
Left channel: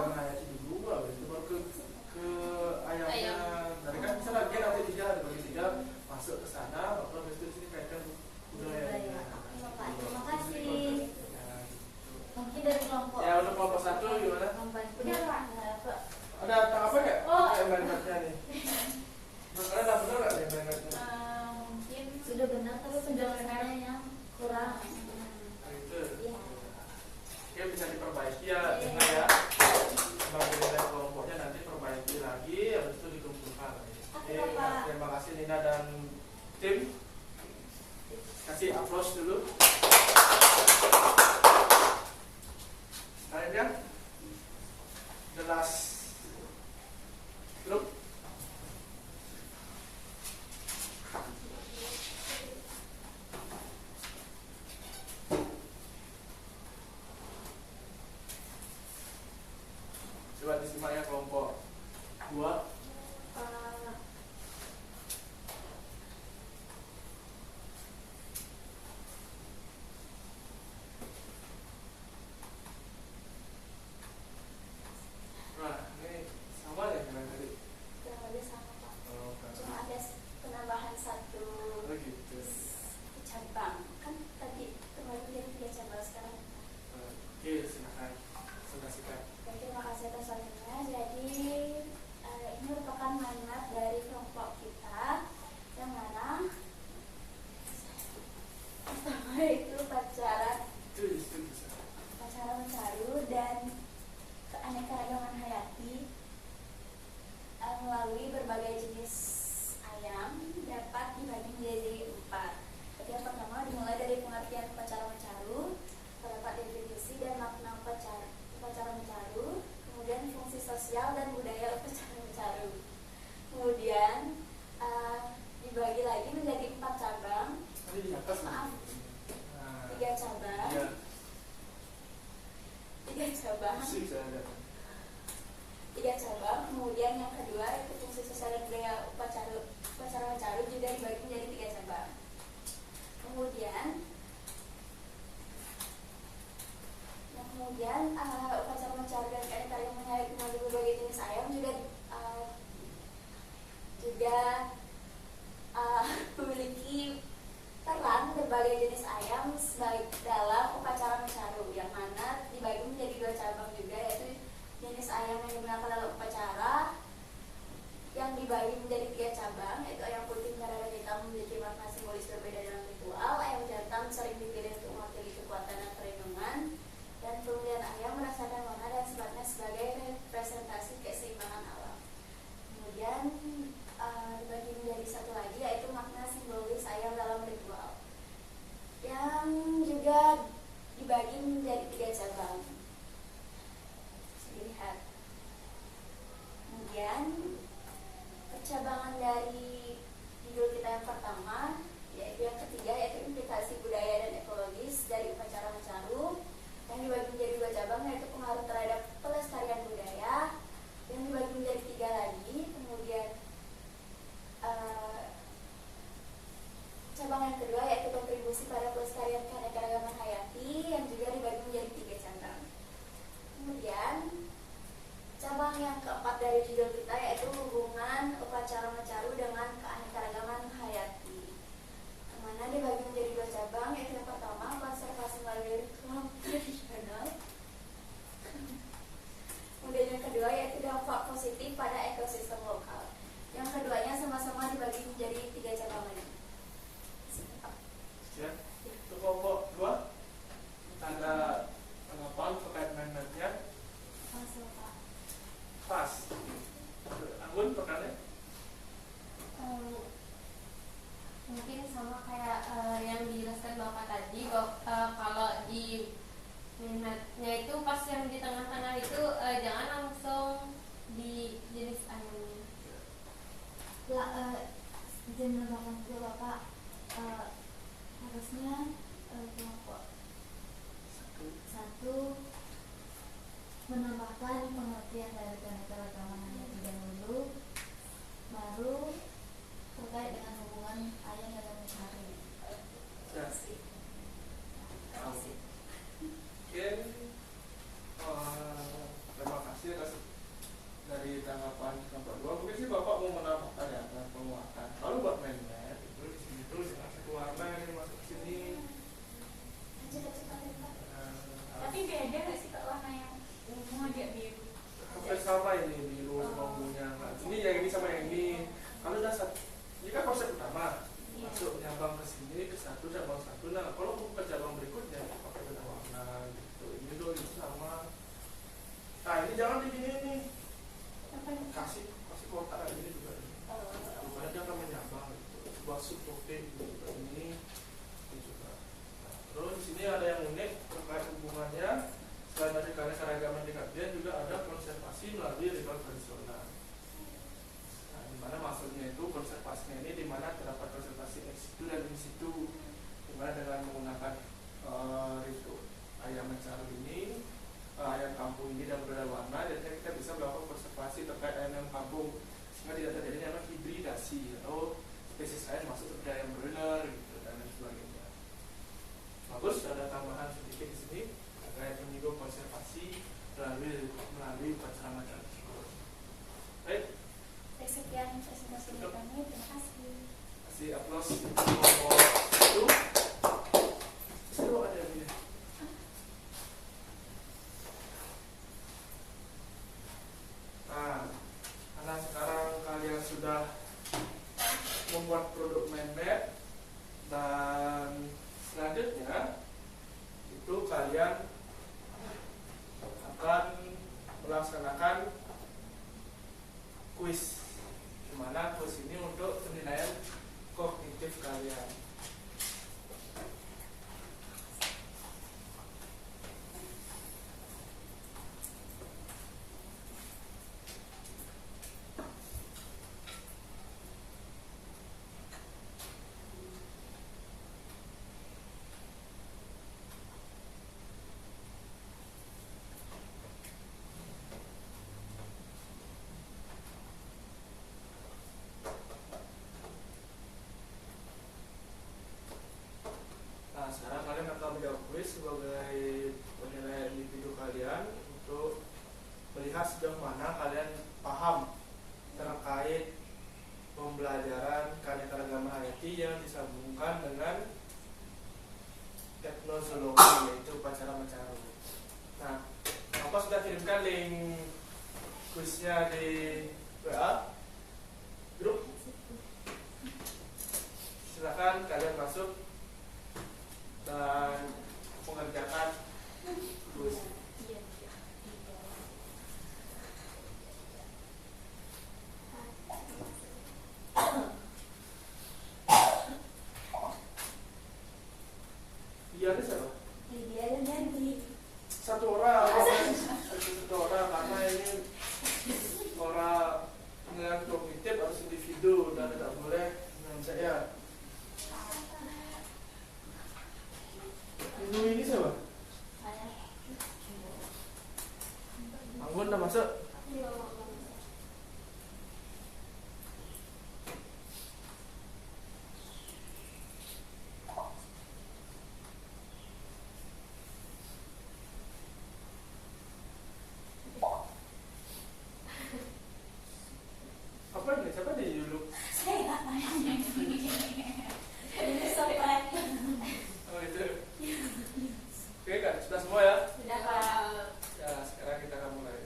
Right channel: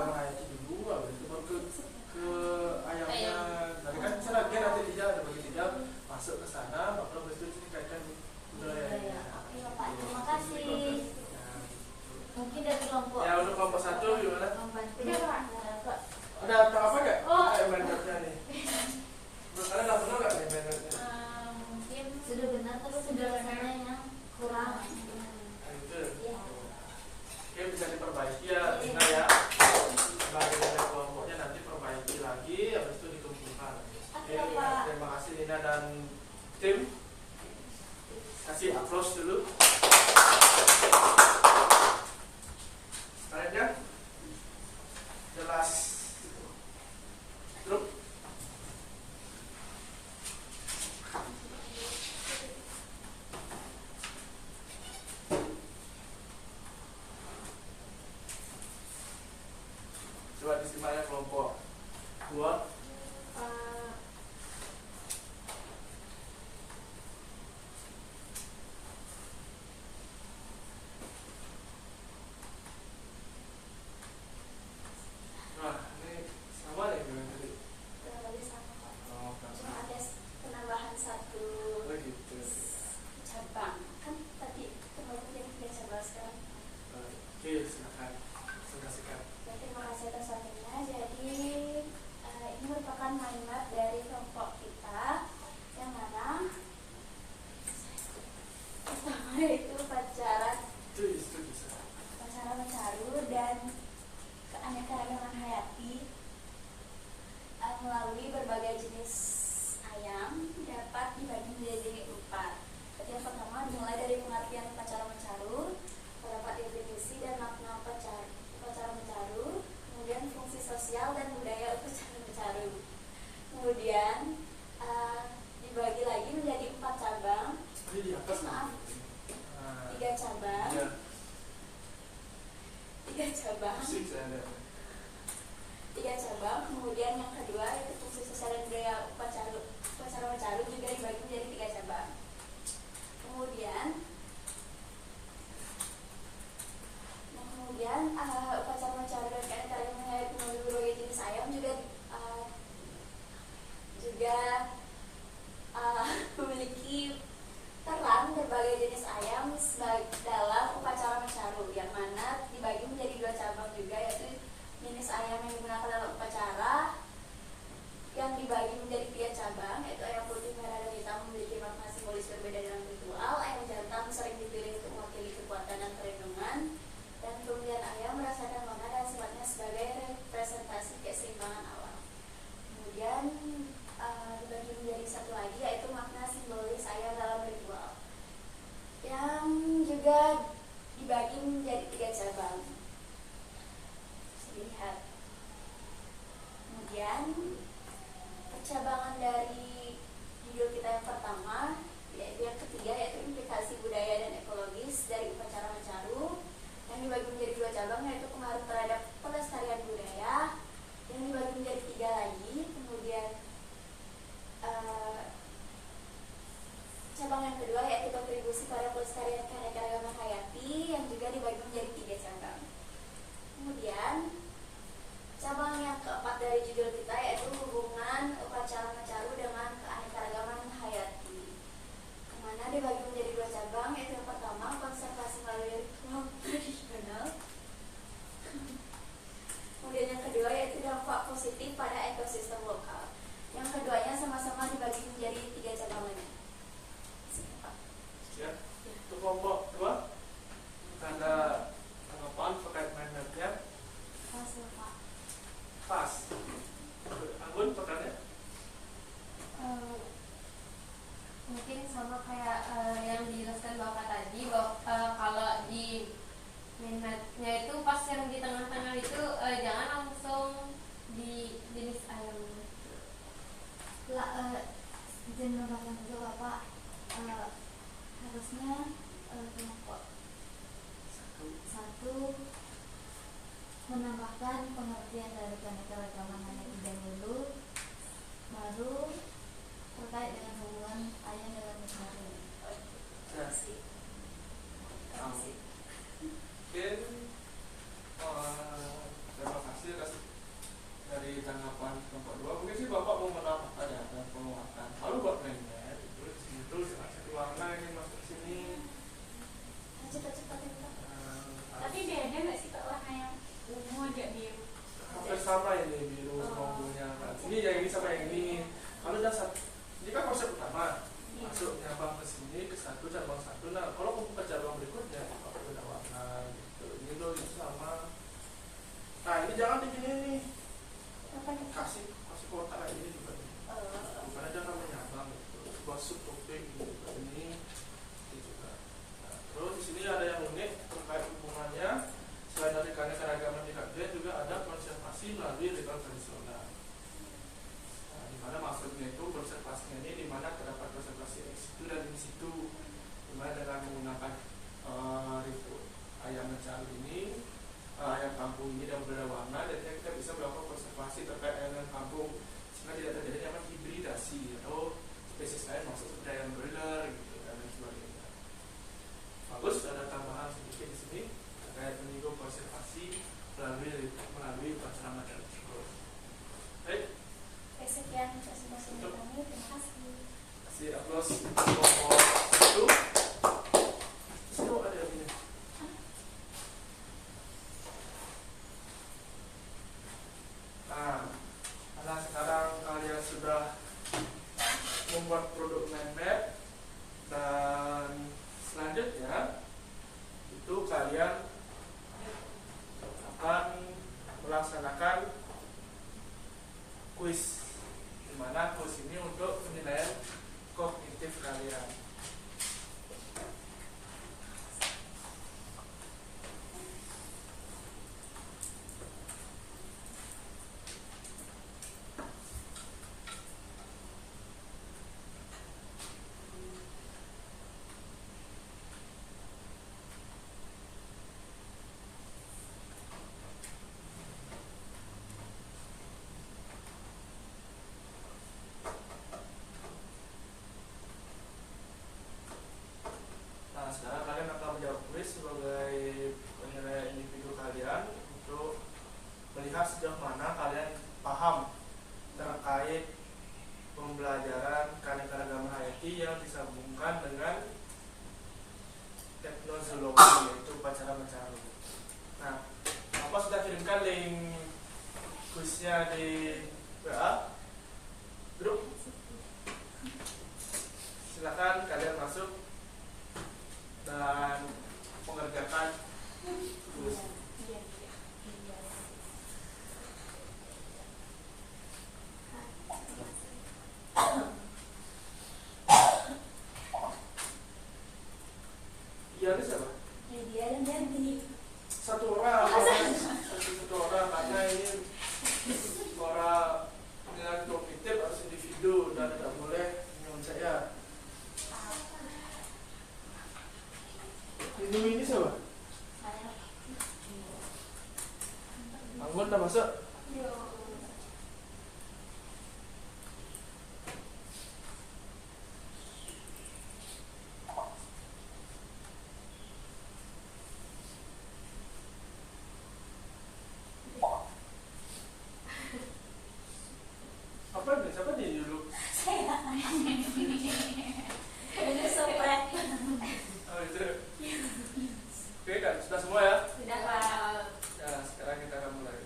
coba disimak ya kelompok 2. Nah, ini sama ya dengan tadi. kurang lebih sama Pak. Oh, kan. Cuma ada penambahan satu Oh, gitu. cabang. Kan tadi terbagi menjadi 3 cabang sekarang. Oke, silakan. Silakan. Ya, terima kasih atas waktunya. Jadi ini merupakan mind map dari kelompok kita yang mana pertama itu Itu bisa. upacara mencaru dan keanekaragaman hayati melalui berbagai jenis ayam dapat dibagi menjadi 4. Yang pertama dimulai dari pengertian upacara mencaru, terdapat definisi dan makna upacara mencaru, kemudian fungsi sosial dan budaya upacara mencaru. Kemudian dibagi lagi menjadi 4 cabang. Ini di atas. Maaf. Nah, 3 cabang. iya. 3 cabang. Musik saya ada. 3 cabang. Kemudian yang kedua itu fungsi sosial dan budaya upacara mencaru juga dibagi menjadi 3 cabang. Kemudian upacara mencaru dan keanekaragaman hayati melalui berbagai jenis ayam juga memiliki peran berbagai jenis ayam dalam upacara mencaru, yang mana dibagi menjadi 2 cabang juga, yaitu jenis ayam yang digunakan dalam upacara yang dibagi menjadi 3 cabang, yaitu ayam putih, merah, dan hitam memiliki makna simbolis berbeda dalam ritual. Ayam jantan sering dipilih untuk mewakili kekuatan dan perlindungan, dan kemudian ayam merasakan makna dan sifatnya sebagai representasi keseimbangan alam. Kemudian dibagi menjadi satu lagi, yaitu makna simbolis ayam dalam ritual, yang juga dibagi menjadi 3 cabang. Bisa dilihat. Kemudian percabangan dari judul kita yang pertama, yaitu yang ketiga, yaitu implikasi budaya dan ekologis dari upacara mencaru, yang dibagi menjadi 2 cabang, yaitu pengaruh terhadap pelestarian budaya, yang dibagi menjadi 3 lagi. Kemudian cabang yang kedua yaitu kontribusi pada pelestarian keanekaragaman hayati, yang juga dibagi menjadi 3 cabang. Kemudian cabang yang keempat dari judul kita yaitu hubungan upacara mencaru dengan keanekaragaman hayati, yang mana dibagi menjadi 2 cabang, yaitu yang pertama konservasi melalui ritual tradisional. Kemudian yang kedua yaitu dampak positif pada ekosistem lokal. Yang keduanya sama-sama dibagi menjadi 3 cabang lagi. Ya. Untuk kelompok 2 tanda tanggapan terkait mindmapnya Pas Pak. pas. Anggun pertanyaannya? Mungkin sama kayak yang dijelaskan Bapak tadi, bahwa kalau di minatnya itu pas yang di tengah-tengah itu jangan langsung di jenis ayamnya. Izin menambahkan dulu Bapak, harusnya kelompok 1 menambahkan pengertian dari keanekaragaman hayati dahulu, baru terkait dengan hubungan ayam dalam mencaru. Ya. Oke. Terima kasih atas dari tanggapan kelompok 2. Mungkin sih Bapak mau menambahkan ya, dan penguatan. Lalu buat mindmap itu dengan satu warna yang masuk ke sini. Cepat-cepat ya Pak. Tapi Tapi beda nggak sih Pak warna yang ungu aja biru? hampir sama ini biru logonya. Ini yang ini sama yang ini. Kalau udah satu, ini kan konsep utama. Masuk nyabang ke sini ke satu cabang satu. Nah kalau mau ke cabang berikutnya pakai beda warna gitu. Ini loh itu sama. Nah ini jangan begini nih. Apa nih? Kasih kotak kayak ini juga. Bukan aja kan menyabang gitu. Sebuah subtopik gitu. Ini juga. Nah, terus di sini ada yang unik terkait hubungannya. Selain dari keanekaragaman di kajian juga ada konservasi melalui ritual tradisional. Nah, di mana maksudnya itu konservasinya ini di mana terdapat konservasi ex situ dan in situ, di mana dengan menggunakan link kuisnya di WA grup. Silakan kalian masuk dan mengerjakan kuis. Iya, ini siapa? Dia dan Yanti. Satu orang, satu orang, karena ini orang dengan kognitif harus individu dan tidak boleh dengan saya. Ini siapa? Anggun udah masuk? Apa ini? Siapa di dulu? Saya. Ini sopret. Oh itu. Oke kan, sudah semua ya? Sudah Pak. Nah, sekarang kita akan mulai.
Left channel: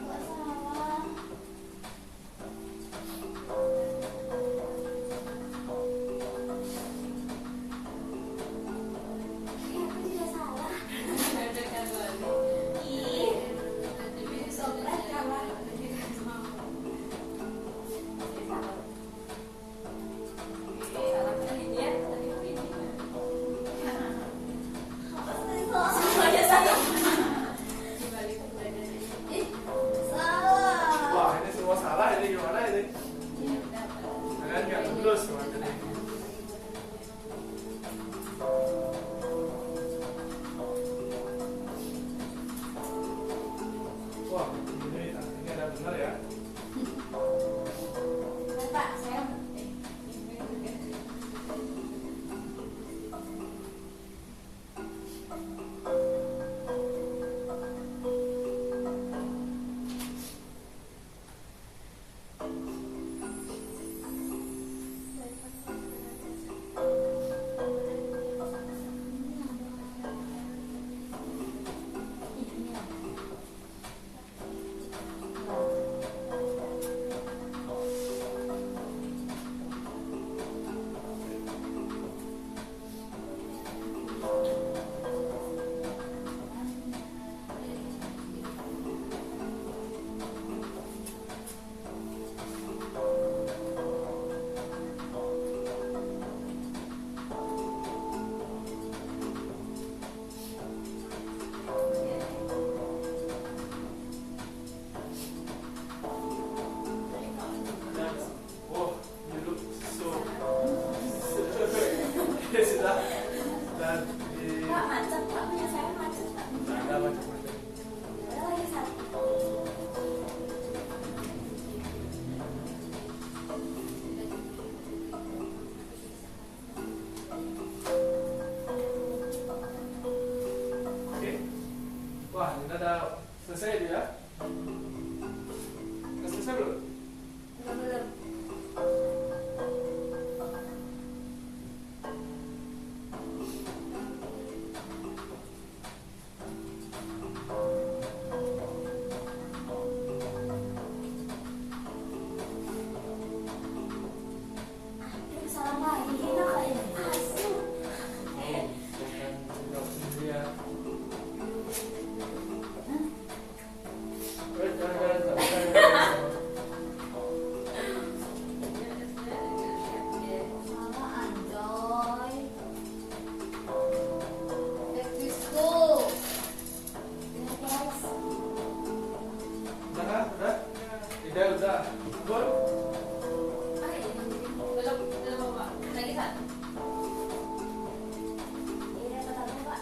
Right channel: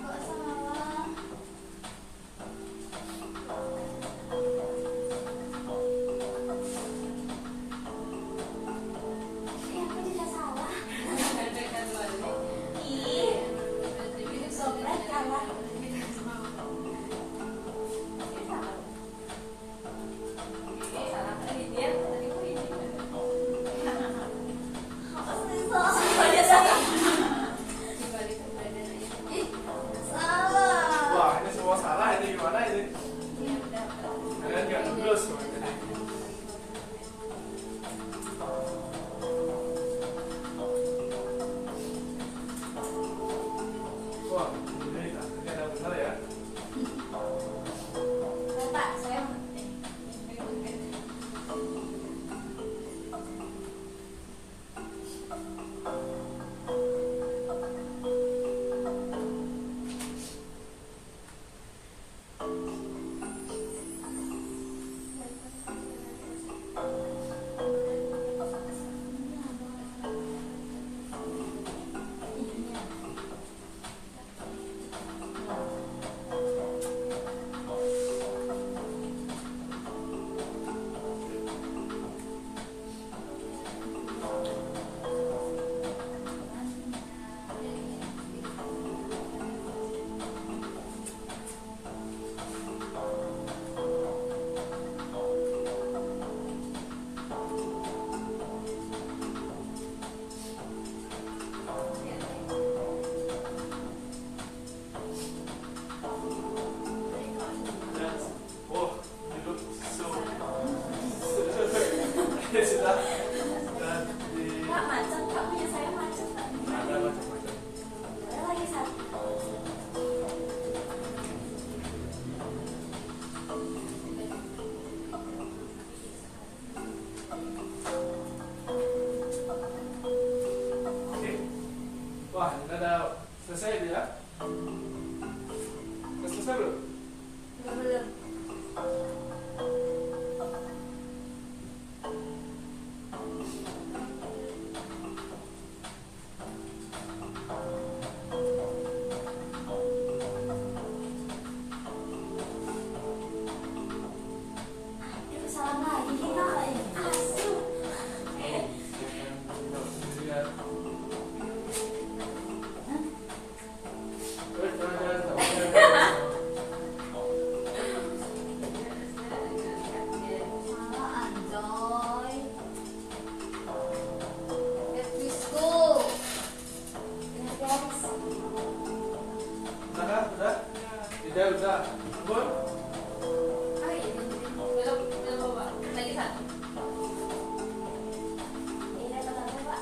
Kok salah? Aku juga salah. Ih, sopret kalah. Apa sih salah? Semuanya salah. Ih, salah. Wah, ini semua salah, ini gimana ini? Kalian nggak lulus semua jadi. Wah, ini ada benar ya? Pak, saya Dan, oh, dulu ya sudah. Dan di Pak macet, Pak punya saya macet. Pak. ada macam-macam. Saya lagi satu. Oke. Wah, ini ada selesai dia. Udah selesai belum? Belum. Aduh, salah lagi kita kayaknya. Asyik. Saya akan jawab sendirian. Jangan. Salah, Anjoy. Let's go. Benar guys. Udah kan? Udah? Tidak, udah. Gol? Belum, Pak. Lagi satu. Ini tetapnya Pak.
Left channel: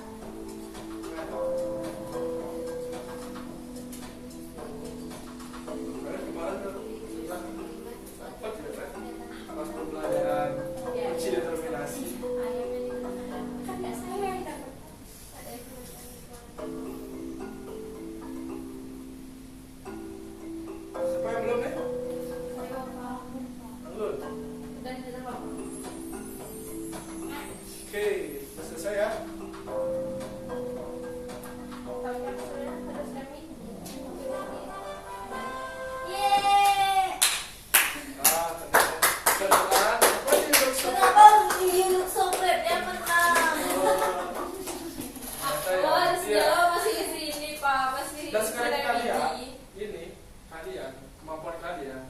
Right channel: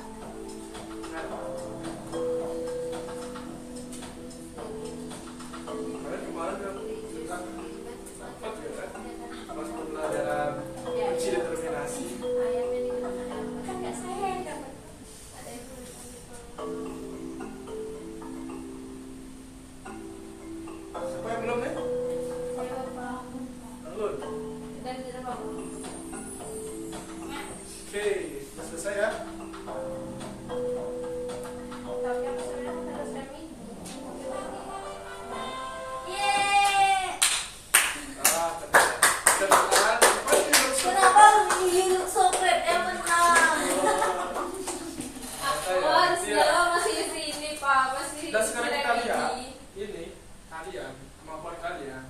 Kemarin udah sempat ya kan? Pas pembelajaran kunci determinasi. Kan nggak saya yang dapat. Ada yang tulisan di kolom. dan sudah bagus. Oke, sudah selesai ya. Tapi aku sudah harus kami. Yeay. Kenalan. Apa ini maksudnya? Kenapa Yunuk Sokret yang menang? Oh, segala masih di sini Pak, masih. Dan sekarang kita sudah lihat ini. ini kalian, kemampuan kalian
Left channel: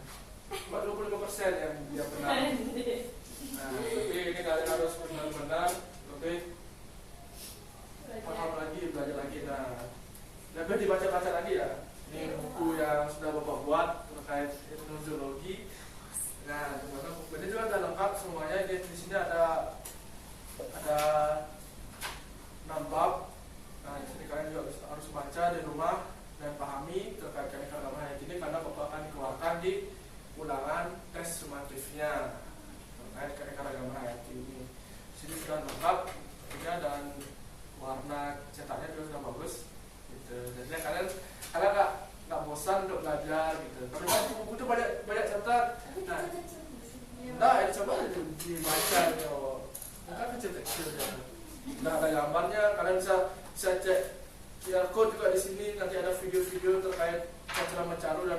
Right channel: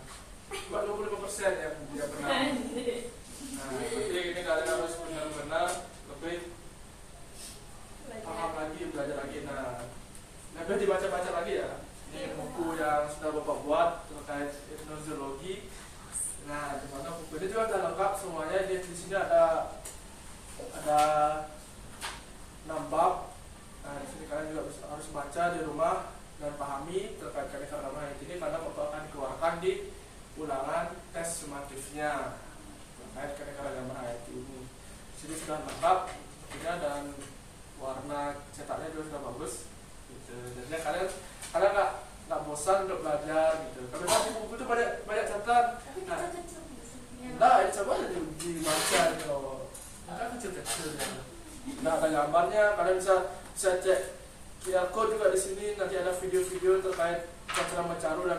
cuma 25% yang benar. Nah, tapi ini kalian harus benar-benar lebih paham lagi, belajar lagi. Nah, lebih dibaca-baca lagi ya. Ini buku yang sudah Bapak buat terkait etnozoologi. Nah, dimana buku ini juga sudah lengkap semuanya. Di sini ada 6 bab. Nah, di sini kalian juga harus baca di rumah dan pahami terkait keanekaragaman hayati ini karena Bapak akan dikeluarkan di ulangan tes sumatifnya terkait keanekaragaman hayati ini. Di sini sudah lengkap ya, dan warna cetaknya juga sudah bagus. Gitu. Jadi kalian nggak bosan untuk belajar gitu. Karena tadi buku itu banyak catat. Nah, coba itu dibaca gitu. Kan kecil-kecil ya. Nah, ada gambarnya, kalian bisa cek QR code juga di sini. Nanti ada video-video terkait cara mencaru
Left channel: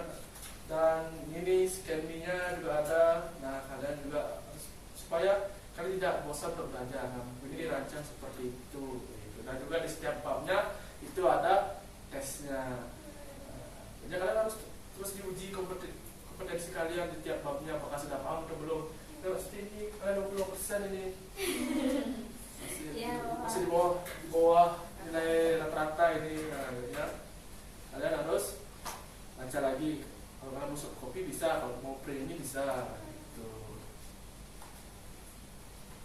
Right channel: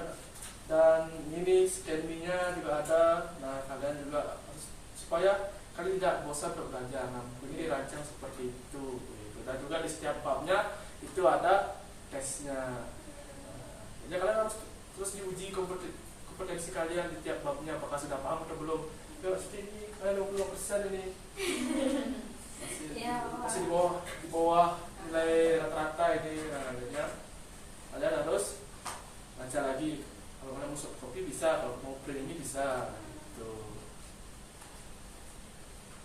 dan ini scan-nya juga ada. Nah, kalian juga supaya kalian tidak bosan untuk belajar. Nah, buku ini dirancang seperti itu. Gitu. Dan juga di setiap babnya itu ada tesnya. Jadi kalian harus terus diuji kompetensi kalian di tiap babnya, apakah sudah paham atau belum. Ya, seperti ini, kalian 20% ini masih di bawah nilai rata-rata ini. Nah, ya. Kalian harus baca lagi. Kalau kalian mau kopi bisa, kalau mau print ini bisa. Gitu.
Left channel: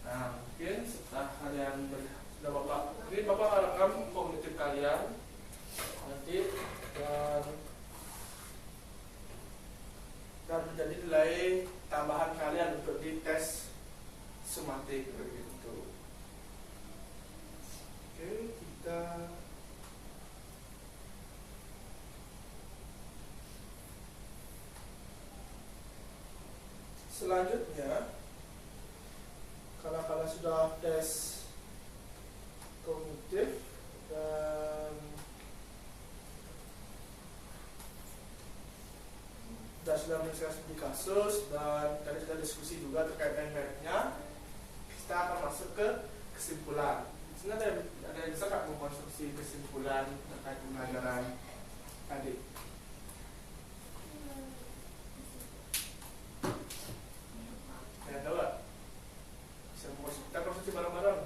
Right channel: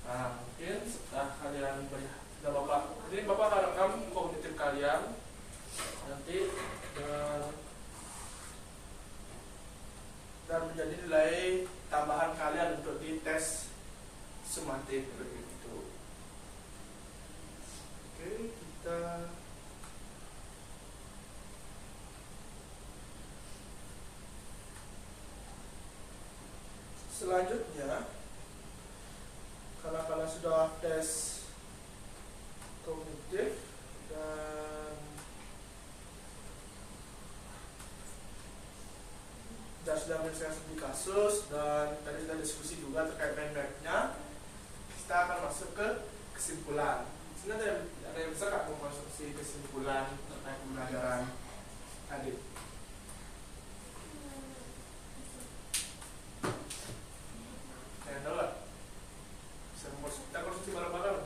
Nah, mungkin setelah kalian sudah Bapak, ini Bapak akan rekam kognitif kalian nanti dan menjadi nilai tambahan kalian untuk di tes sumatif begitu. Oke, kita selanjutnya karena kalian sudah tes kognitif dan sudah menyelesaikan studi kasus dan tadi sudah diskusi juga terkait main-mainnya, kita akan masuk ke kesimpulan. Sebenarnya ada yang bisa nggak mengkonstruksi kesimpulan terkait pembelajaran tadi? Ada tahu nggak? Kita konstruksi bareng-bareng.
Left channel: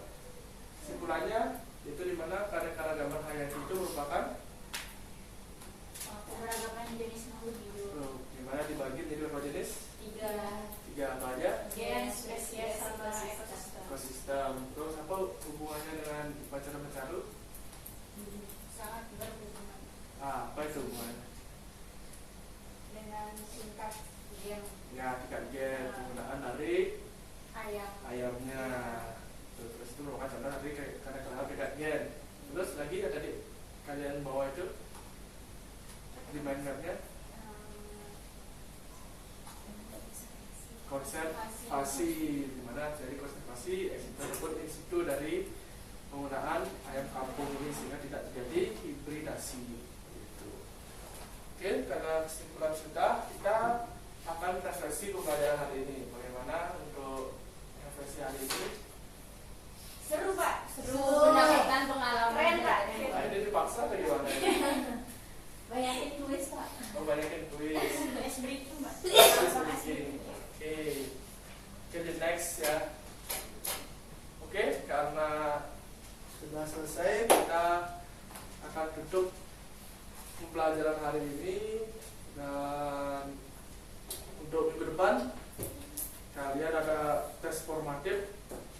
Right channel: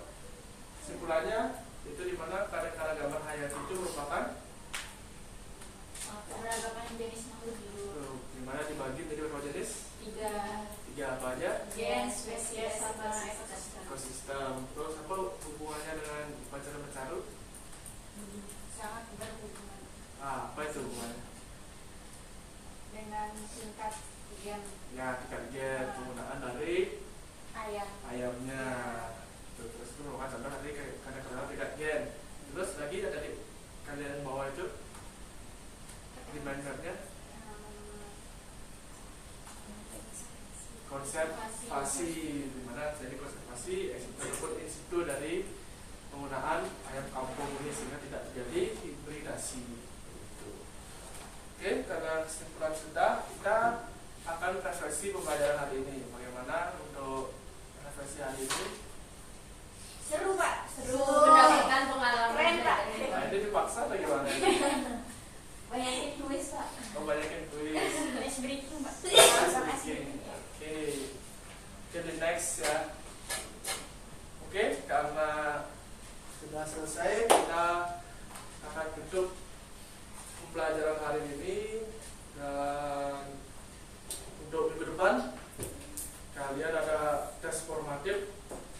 Kesimpulannya itu di mana keanekaragaman hayati itu merupakan Keberagaman jenis makhluk hidup. dimana dibagi menjadi berapa jenis? Tiga apa aja? Gen, spesies, sama ekosistem. Ekosistem. Terus apa hubungannya dengan upacara mencaru? Sangat berhubungan Apa itu hubungannya? dengan tingkat gen Ya, tingkat gen, penggunaan dari ayam. ayamnya. Terus itu merupakan contoh tadi karena kenal tingkat gen. Terus lagi yang tadi kalian bawa itu di mindmapnya konservasi, di mana jadi konservasi ataupun in situ dari penggunaan ayam kampung ini sehingga tidak terjadi hibridasi. Gitu. Oke, karena kesimpulan sudah, kita akan refleksi pembelajaran hari ini. Bagaimana untuk refleksi hari ini? Seru Pak, seru. Mendapatkan pengalaman. Keren, Pak. Nah, ini dipaksa atau gimana? Banyakin tulis Pak. Oh, banyakin kuis. Ice breaking Pak. Oke, jadi next ya. Oke, karena sudah selesai, kita akan tutup pembelajaran hari ini. Dan untuk minggu depan kalian ada tes formatif.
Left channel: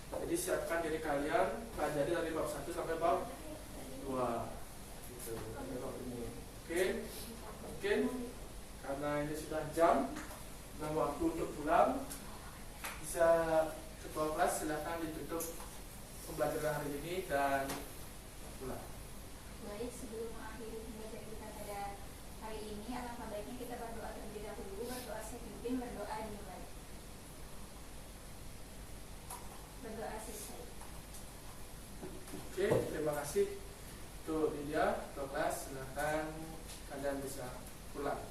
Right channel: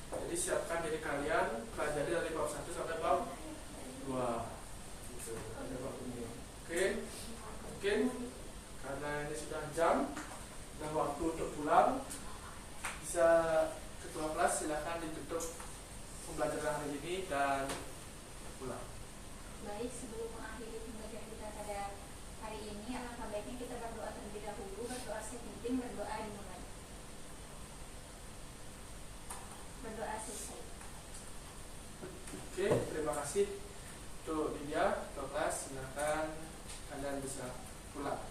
Jadi siapkan diri kalian pelajari dari bab 1 sampai bab 2. Gitu, ada bab ini. Oke, mungkin karena ini sudah jam dan waktu untuk pulang, bisa ketua kelas silakan ditutup pembelajaran hari ini dan pulang. Baik, sebelum mengakhiri pembelajaran kita pada hari kasih. Untuk Lydia, Topaz, silakan kalian bisa pulang.